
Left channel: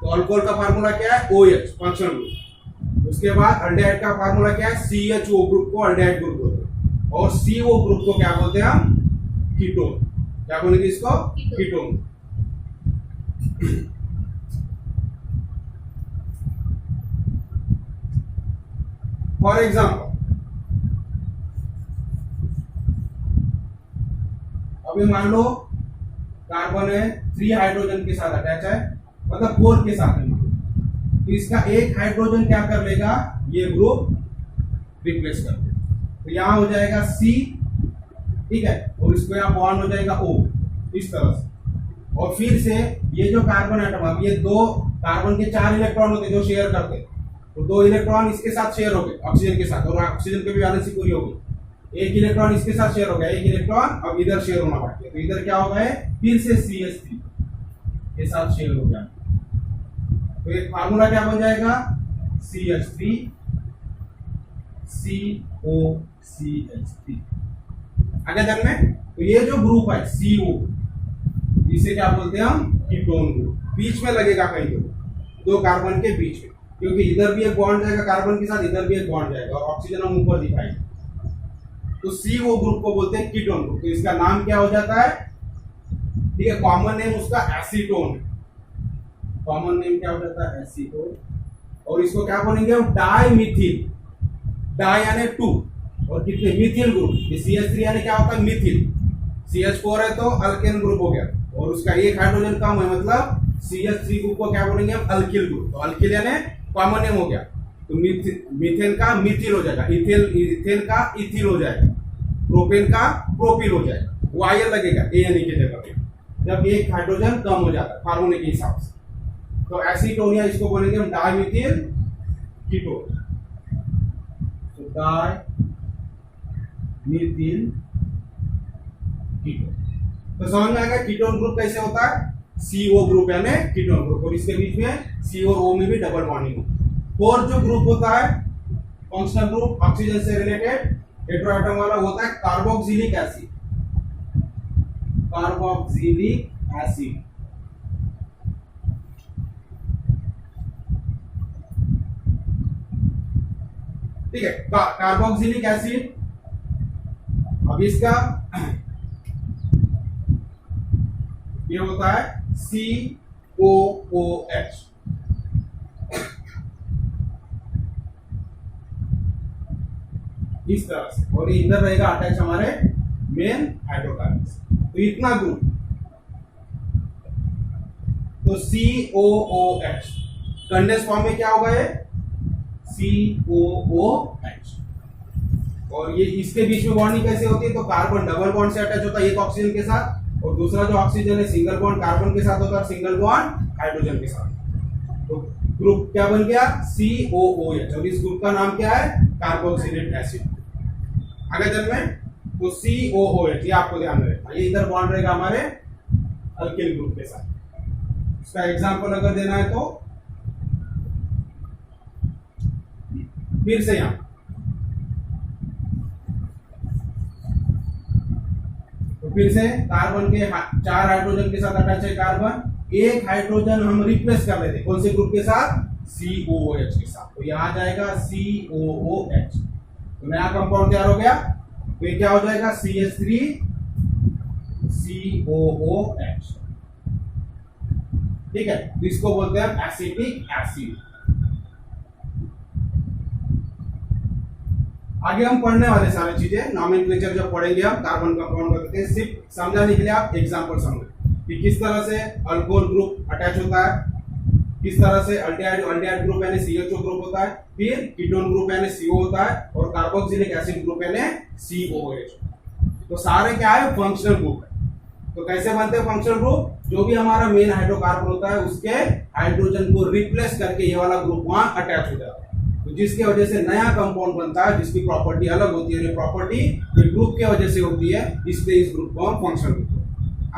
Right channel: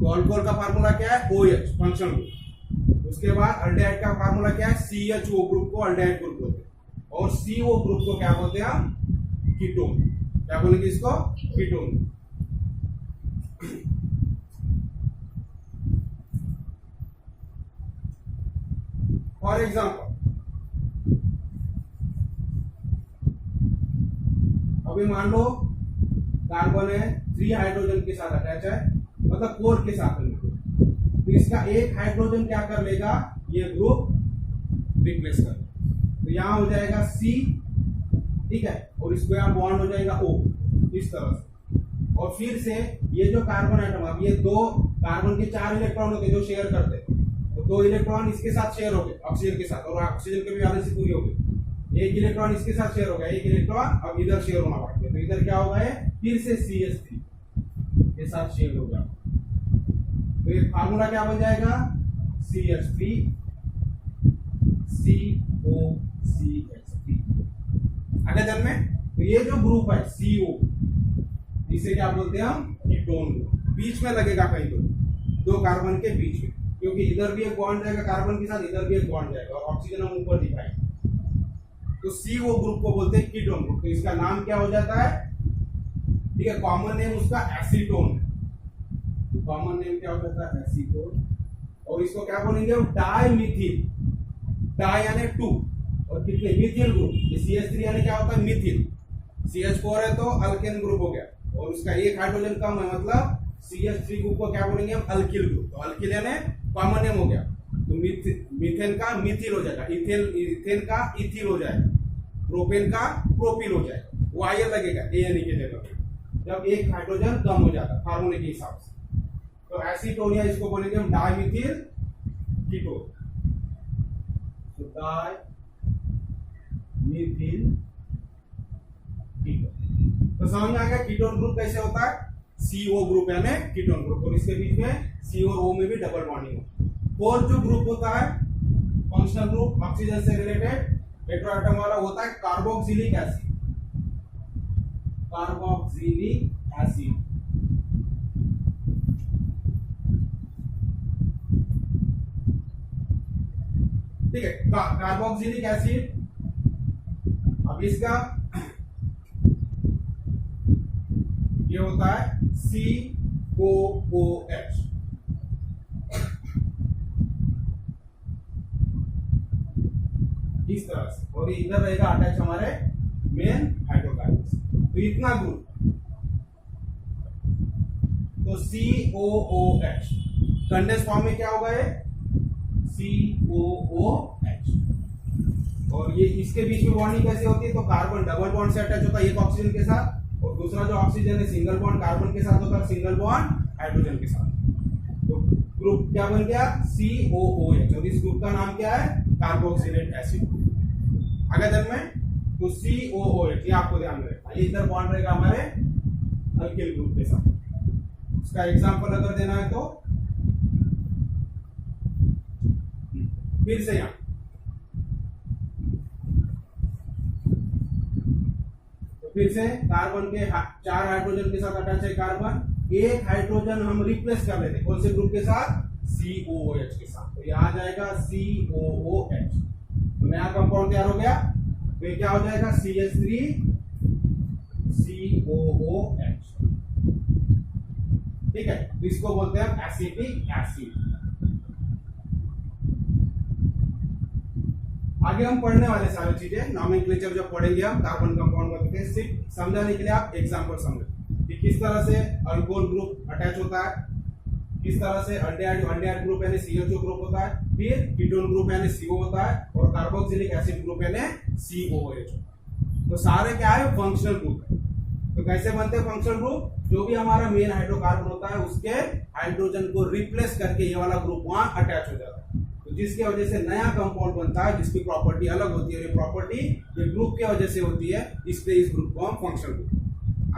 तो अल्कोहल का फार्मूला क्या है? OH, functional group. उसके बाद अल्डिहाइड का फार्मूला क्या है? CHO ग्रुप को अल्डिहाइड ग्रुप बोलते हैं, और CO ग्रुप को क्या बोलते हैं हम? कीटोन। क्या बोलेंगे इसको? कीटोन। फॉर एग्जाम्पल, अभी मान लो कार्बन है 3 हाइड्रोजन के साथ अटैच है, मतलब 4 के साथ है, तो इसका एक हाइड्रोजन क्या कर लेगा? ये ग्रुप रिप्लेस कर देगा। तो यहां हो जाएगा C, ठीक है, और इसको यहां बॉन्ड हो जाएगा O, इस तरह से। और फिर से ये जो कार्बन एटम, अब ये 2 कार्बन के 4 इलेक्ट्रॉन होते जो शेयर करते, तो 2 इलेक्ट्रॉन इसके साथ शेयर हो गए ऑक्सीजन के साथ, और ऑक्सीजन की भी वैलेंसी पूरी हो गई। एक इलेक्ट्रॉन इसके साथ शेयर हो गया, एक इलेक्ट्रॉन अब इधर शेयर होना बाकी है, तो इधर क्या होगा? फिर से CH3 के साथ शेयर हो गया, तो एक फार्मूला क्या बन जाएगा? CH3 COCH3। आगे ध्यान में, तो ये जो ग्रुप है CO, इसे क्या बोलते हैं हम? Ketone group. बीच में लगेगा कहीं तो 2 कार्बन के बीच में, क्योंकि इधर भी एक बॉन्ड जाएगा कार्बन के साथ, इधर भी एक बॉन्ड जाएगा, और ऑक्सीजन हम ऊपर दिखाएंगे। तो CO ग्रुप को बोलते हैं कीटोन ग्रुप। तो इसका नाम क्या हो जाता है? ठीक है, कॉमन नेम उसका एसीटोन है। कॉमन नेम क्या हो जाता है? एसीटोन। और इसको क्या बोलेंगे हम? डाइमिथिल। डाई यानी 2, और कितने? Methyl group. ये CH3 यानी क्या होता है? मिथिल। CH4 है तो अल्केन ग्रुप हो गया, और उसका एक हाइड्रोजन कम है, मतलब CH3 ग्रुप को क्या बोलेंगे हम? Alkyl group. तो अल्किल यानी कॉमन नेम हो गया, तो मीथेन का मिथिल हो जाएगा, इथेन का इथिल हो जाएगा, प्रोपेन का प्रोपिल हो जाएगा। वो आयन लगेगा ANE की जगह पे जब एक हाइड्रोजन कम हो जाता है फार्मूले के हिसाब से। तो एसीटोनिया इसको बोलेंगे हम डाइमिथिल कीटोन। तो डाइमिथिल कीटोन। तो समझ में आएगा कीटोन ग्रुप कैसे होता है? CO ग्रुप यानी कीटोन ग्रुप, और इसके बीच में C और O में भी डबल बॉन्डिंग होती है। फोर्थ जो ग्रुप होता है फंक्शनल ग्रुप, ऑक्सीजन से रिलेटेड हेटेरो एटम वाला, होता है कार्बोक्सिलिक एसिड। कार्बोक्सिलिक एसिड, ठीक है, कार्बोक्सिलिक एसिड। अब इसका ये होता है COOH। इस तरह से, और इधर रहेगा अटैच हमारे मेन हाइड्रोकार्बन से। तो इतना ग्रुप, तो COOH कंडेंस फॉर्म में क्या होगा? ये COOH। और ये इसके बीच में बॉन्डिंग कैसे होती है? तो कार्बन डबल बॉन्ड से अटैच होता है एक ऑक्सीजन के साथ, और दूसरा जो ऑक्सीजन है सिंगल बॉन्ड कार्बन के साथ होता है, सिंगल बॉन्ड हाइड्रोजन के साथ। तो ग्रुप क्या बन गया? COOH। और इस ग्रुप का नाम क्या है? Carboxylic acid. आगे चल में, तो COOH ये आपको ध्यान में रखना, ये इधर बॉन्ड रहेगा हमारे अल्किल ग्रुप के साथ। इसका एग्जांपल अगर देना है तो फिर से यहां, तो फिर से कार्बन के 4 हाइड्रोजन के साथ अटैच है कार्बन, एक हाइड्रोजन हम रिप्लेस कर लेते कौन से ग्रुप के साथ? COOH के साथ। तो यहां जाएगा COOH, तो नया कंपाउंड तैयार हो गया। तो ये क्या हो जाएगा? CH3 COOH, ठीक है। तो इसको बोलते हैं एसिटिक एसिड। आगे हम पढ़ने वाले सारी चीजें नॉमेनक्लेचर जब पढ़ेंगे हम कार्बन कंपाउंड करते हैं, सिर्फ समझाने के लिए आप एग्जांपल समझ कि किस तरह से अल्कोहल ग्रुप अटैच होता है, किस तरह से अल्डिहाइड ग्रुप यानी CHO ग्रुप होता है, फिर कीटोन ग्रुप यानी CO होता है, और कार्बोक्सिलिक एसिड ग्रुप यानी COOH। तो सारे क्या है? फंक्शनल ग्रुप है। तो कैसे बनते हैं फंक्शनल ग्रुप? जो भी हमारा मेन हाइड्रोकार्बन होता है उसके हाइड्रोजन को रिप्लेस करके ये वाला ग्रुप वहां अटैच हो जाता है, तो जिसकी वजह से नया कंपाउंड बनता है जिसकी प्रॉपर्टी अलग होती है। ये प्रॉपर्टी ये ग्रुप के वजह से होती है, इसलिए इस ग्रुप को हम फंक्शनल ग्रुप।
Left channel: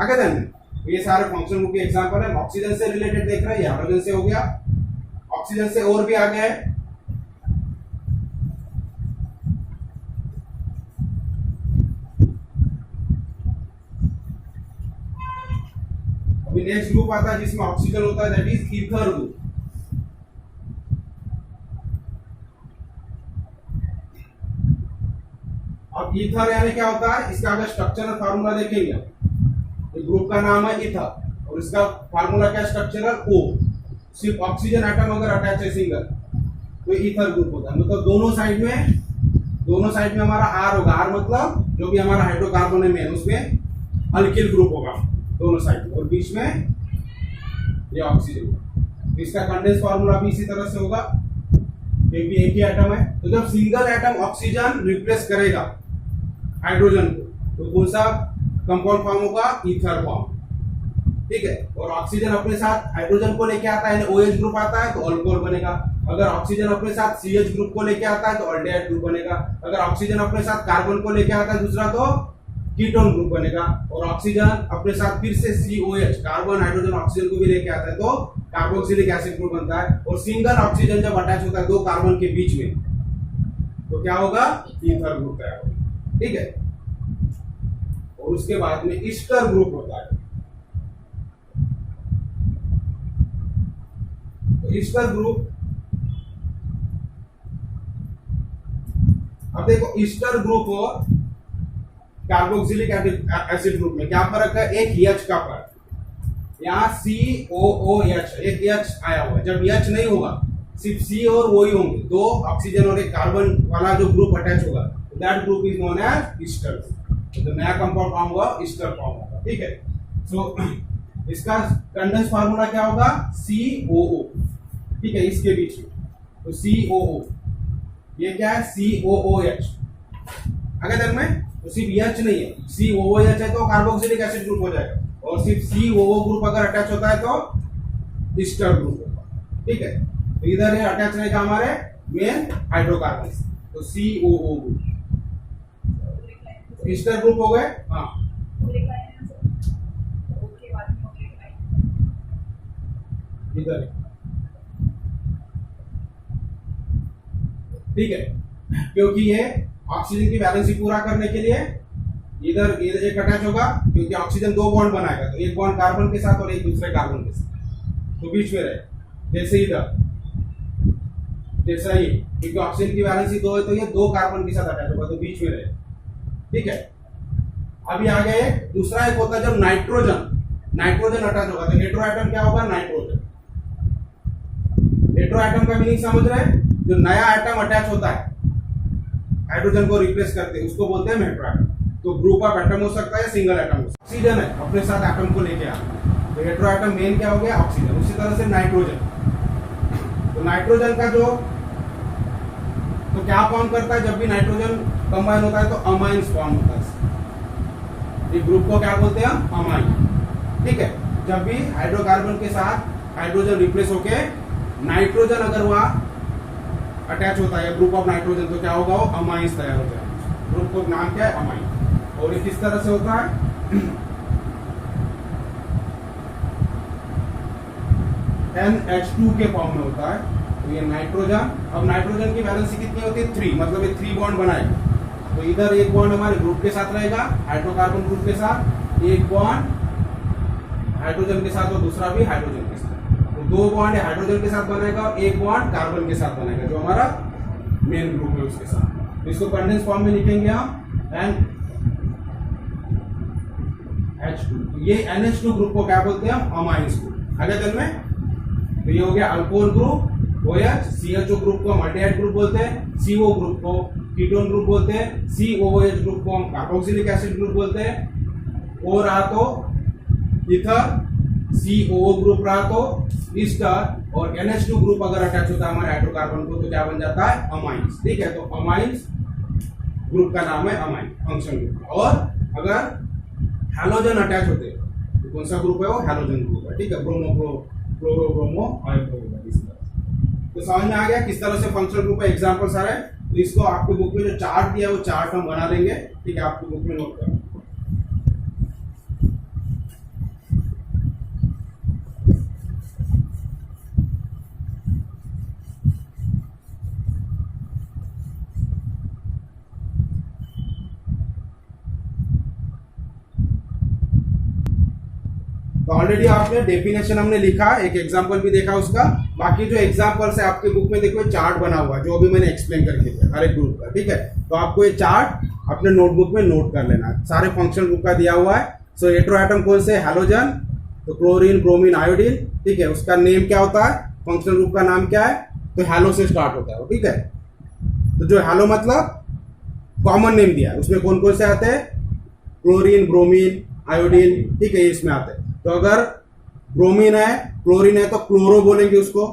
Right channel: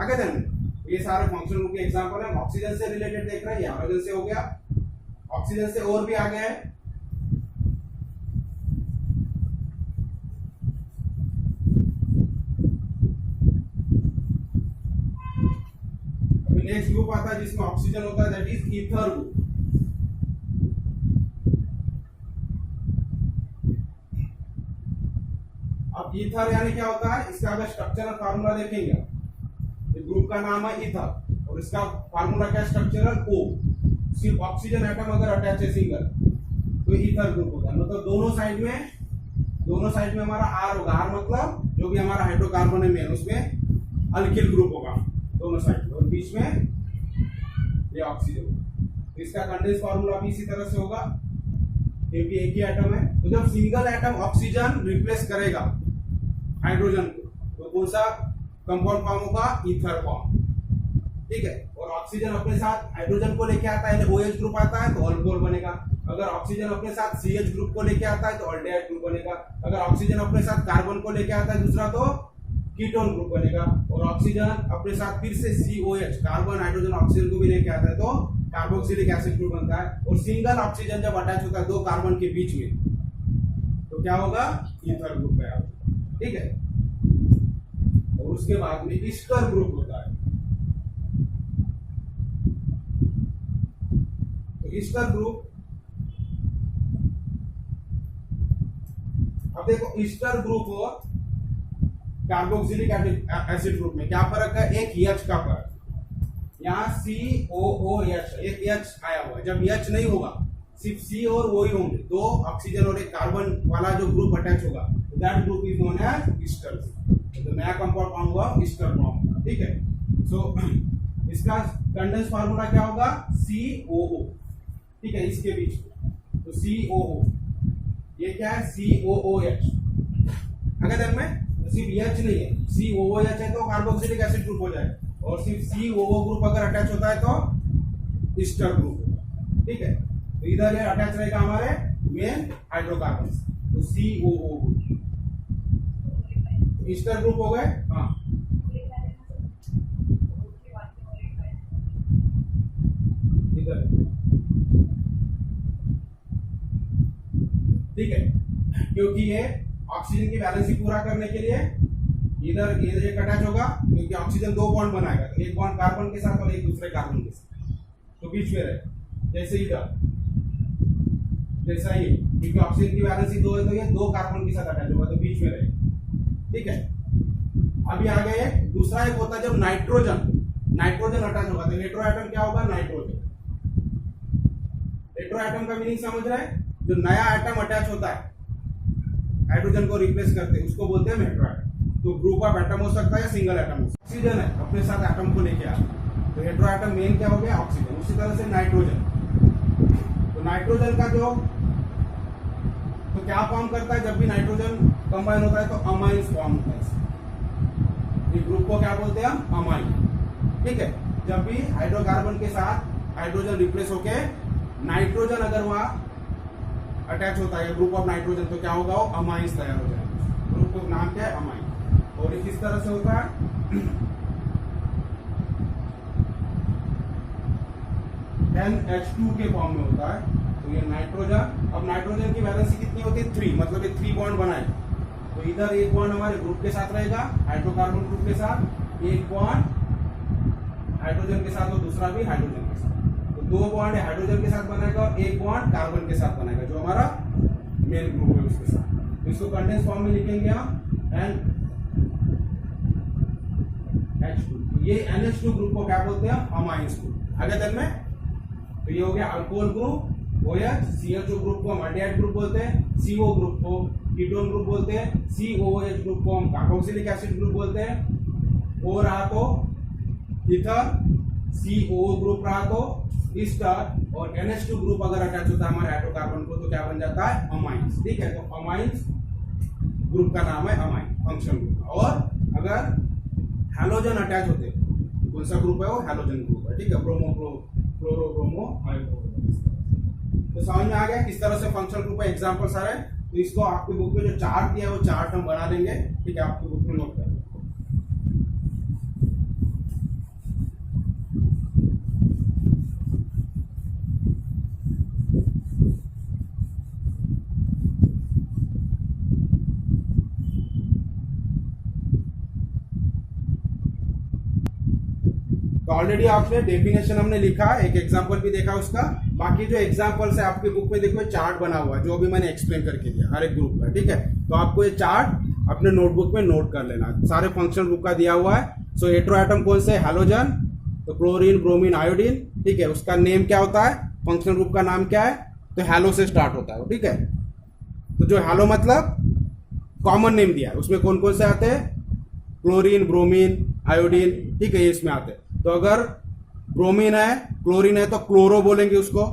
आगे ध्यान दें, तो ये सारे फंक्शनल ग्रुप के एग्जांपल है। ऑक्सीजन से रिलेटेड देख रहे हैं, हाइड्रोजन से हो गया, ऑक्सीजन से और भी आगे है अभी नेक्स्ट ग्रुप आता है जिसमें ऑक्सीजन होता है, दैट इज ईथर ग्रुप। अब ईथर यानी क्या होता है, इसका अगर स्ट्रक्चरल फार्मूला देखेंगे, ये ग्रुप का नाम है ईथर और इसका फार्मूला क्या, स्ट्रक्चरल O। सिर्फ ऑक्सीजन एटम अगर अटैच है सिंगल तो ईथर ग्रुप होता है। मतलब दोनों साइड में हमारा R होगा। R मतलब जो भी हमारा हाइड्रोकार्बन है मेन, उसमें अल्किल ग्रुप होगा दोनों साइड में, और बीच में ये ऑक्सीजन होगा। इसका कंडेंस फार्मूला भी इसी तरह से होगा क्योंकि एक ही एटम है। तो जब सिंगल एटम ऑक्सीजन रिप्लेस करेगा हाइड्रोजन को तो कौन सा कंपाउंड फॉर्म होगा, ईथर फॉर्म। ठीक है, और ऑक्सीजन अपने साथ हाइड्रोजन को लेके आता है, OH ग्रुप आता है तो अल्कोहल बनेगा। अगर ऑक्सीजन अपने साथ CH ग्रुप को लेके आता है तो अल्डेहाइड ग्रुप बनेगा। अगर ऑक्सीजन अपने साथ कार्बन को लेके आता है दूसरा तो कीटोन ग्रुप बनेगा। और ऑक्सीजन अपने साथ फिर से COH कार्बन हाइड्रोजन ऑक्सीजन को भी लेके आता है तो कार्बोक्सिलिक एसिड ग्रुप बनता है। और सिंगल ऑक्सीजन जब अटैच होता है दो कार्बन के बीच में तो क्या होगा, ईथर ग्रुप तैयार होगा। ठीक है, और उसके बाद में ईस्टर ग्रुप होता है। तो ईस्टर ग्रुप, अब देखो ईस्टर ग्रुप और कार्बोक्सिलिक एसिड ग्रुप में क्या फर्क है, एक H का फर्क। यहाँ COOH एक H आया हुआ है, जब H नहीं होगा सिर्फ C और O ही होंगे, दो ऑक्सीजन और एक कार्बन वाला जो ग्रुप अटैच होगा that group is known as ester. तो नया कंपाउंड फॉर्म हुआ ईस्टर फॉर्म होगा। ठीक है, सो इसका कंडेंस फार्मूला क्या होगा, COO। ठीक है, इसके बीच में तो COO, ये क्या है COOH। अगर देख में तो सिर्फ H नहीं है, COOH है तो कार्बोक्सिलिक एसिड ग्रुप हो जाएगा, और सिर्फ COO ग्रुप अगर अटैच होता है तो ईस्टर ग्रुप होगा। ठीक है, तो इधर ये अटैच रहेगा हमारे मेन हाइड्रोकार्बन, तो COO ग्रुप, ईस्टर ग्रुप हो गए। हाँ, इधर। ठीक है, क्योंकि ये ऑक्सीजन की वैलेंसी पूरा करने के लिए इधर एक अटैच होगा, क्योंकि ऑक्सीजन दो बॉन्ड बनाएगा, तो एक बॉन्ड कार्बन के साथ और एक दूसरे कार्बन के साथ, तो बीच में रहे। जैसे इधर, जैसा ये, क्योंकि ऑक्सीजन की वैलेंसी दो है तो ये दो कार्बन के साथ अटैच होगा, तो बीच में रहे। ठीक है, अभी आ गया एक दूसरा, एक होता है जब नाइट्रोजन अटैच होगा तो हेटेरो एटम क्या होगा, नाइट्रोजन। हेटेरो एटम का मीनिंग समझ रहे हैं, जो नया एटम अटैच होता है हाइड्रोजन को रिप्लेस करते हैं उसको बोलते हैं हेटेरो एटम। तो ग्रुप ऑफ एटम हो सकता है, सिंगल एटम हो सकता है। ऑक्सीजन है अपने साथ एटम को लेके आ, तो हेटेरो एटम मेन क्या हो गया, ऑक्सीजन। उसी तरह से नाइट्रोजन, तो नाइट्रोजन का जो तो क्या फॉर्म करता है, जब भी नाइट्रोजन कंबाइन होता है तो अमाइंस फॉर्म होता है। इस ग्रुप को क्या बोलते हैं हम, अमाइन। ठीक है, जब भी हाइड्रोकार्बन के साथ हाइड्रोजन रिप्लेस होके नाइट्रोजन अगर वहां अटैच होता है ग्रुप ऑफ नाइट्रोजन तो क्या होगा, वो अमाइंस तैयार हो जाएगा। ग्रुप का नाम क्या है, अमाइन। और ये किस तरह से होता है, NH2 के फॉर्म में होता है। तो ये नाइट्रोजन, अब नाइट्रोजन की वैलेंसी कितनी होती है, 3, मतलब ये 3 बॉन्ड बनाएगा। तो इधर एक बॉन्ड हमारे ग्रुप के साथ रहेगा, हाइड्रोकार्बन ग्रुप के साथ, एक बॉन्ड हाइड्रोजन के साथ और दूसरा भी हाइड्रोजन के साथ। तो दो बॉन्ड हाइड्रोजन के साथ बनेगा और एक बॉन्ड कार्बन के साथ बनेगा जो हमारा मेन ग्रुप है उसके साथ। तो इसको कंडेंस फॉर्म में लिखेंगे हम NH2। ये NH2 ग्रुप को क्या बोलते हैं हम, अमाइंस ग्रुप। आगे चल में तो ये हो गया alcohol group OH, CHO group को हम अल्डेहाइड ग्रुप बोलते हैं, CO ग्रुप को कीटोन ग्रुप बोलते हैं, COOH ग्रुप को हम कार्बोक्सिलिक एसिड ग्रुप बोलते हैं। और रहा तो ईथर, COO ग्रुप रहा तो ईस्टर, और NH2 ग्रुप अगर अटैच होता है हमारे हाइड्रोकार्बन को तो क्या बन जाता है, अमाइंस। ठीक है, तो अमाइंस ग्रुप का नाम है अमाइन, फंक्शन ग्रुप। और अगर हैलोजन अटैच होते तो कौन सा ग्रुप है, वो हैलोजन ग्रुप है। ठीक है, ब्रोमो क्लोरो ब्रोमो आयोडो। तो समझ में आ गया किस तरह से फंक्शनल ग्रुप है, एग्जांपल सारे। तो इसको आपकी बुक में जो चार्ट दिया है वो चार्ट हम बना लेंगे। ठीक है, आपकी बुक में नोट करें। तो ऑलरेडी आपने डेफिनेशन हमने लिखा, एक एग्जांपल भी देखा उसका। बाकी जो एग्जांपल्स है आपके बुक में देखो चार्ट बना हुआ है, जो अभी मैंने एक्सप्लेन करके दिया हर एक ग्रुप का, ठीक है। तो आपको ये चार्ट अपने नोटबुक में नोट कर लेना, सारे फंक्शन ग्रुप का दिया हुआ है। सो हेटेरो एटम कौन से, हैलोजन, तो क्लोरीन, ब्रोमीन, आयोडीन, ठीक है। उसका नेम क्या होता है, फंक्शनल ग्रुप का नाम क्या है, तो हैलो से स्टार्ट होता है, ठीक है। तो जो हैलो मतलब कॉमन नेम दिया है, उसमें कौन कौन से आते हैं, क्लोरीन, ब्रोमीन, आयोडीन, ठीक है, ये इसमें आते हैं। तो अगर ब्रोमीन है, क्लोरीन है तो क्लोरो बोलेंगे उसको,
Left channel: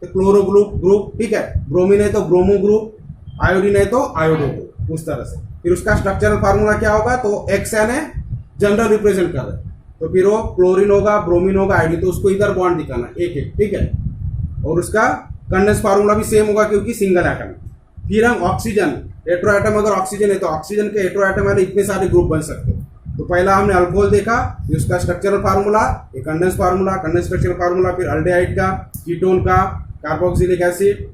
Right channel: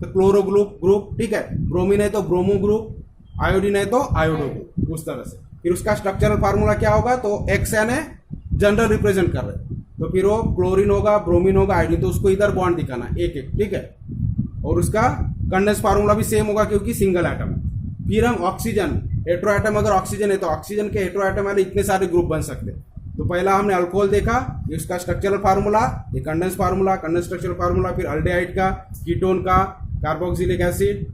तो क्लोरो ग्रुप, ठीक है। ब्रोमीन है तो ब्रोमो ग्रुप, आयोडीन है तो आयोडो ग्रुप, उस तरह से। फिर उसका स्ट्रक्चरल फार्मूला क्या होगा, तो एक्सएन है, जनरल रिप्रेजेंट कर रहे हैं, तो फिर वो क्लोरीन होगा, ब्रोमीन होगा, आयोडीन, तो उसको इधर बॉन्ड दिखाना एक एक, ठीक है। और उसका कंडेंस फार्मूला भी सेम होगा क्योंकि सिंगल एटम। फिर हम ऑक्सीजन, हेटेरो एटम, अगर ऑक्सीजन है तो ऑक्सीजन के हेटेरो एटम वाले इतने सारे ग्रुप बन सकते हैं। तो पहला हमने अल्कोहल देखा, ये उसका स्ट्रक्चरल फार्मूला, ये condense formula, condense structural formula, फिर अल्डेहाइड का, कीटोन का, कार्बोक्सिलिक एसिड,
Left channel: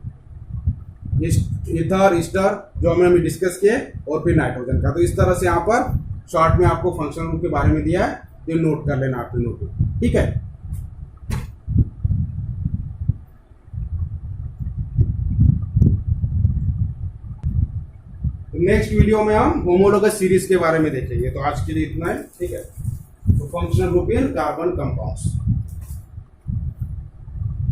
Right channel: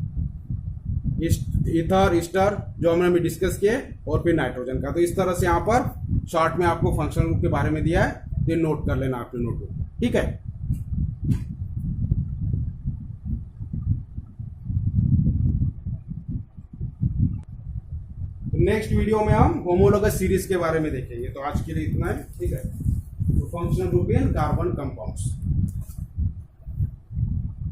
ईथर, ईस्टर, जो हमने डिस्कस किए, और फिर नाइट्रोजन का। तो इस तरह से यहाँ पर शॉर्ट में आपको फंक्शनल ग्रुप के बारे में दिया है, तो नोट कर लेना आपने नोटबुक, ठीक है। नेक्स्ट वीडियो में हम होमोलोगस सीरीज के बारे में देखेंगे। तो आज के लिए इतना है, ठीक है। तो functional group in carbon compounds.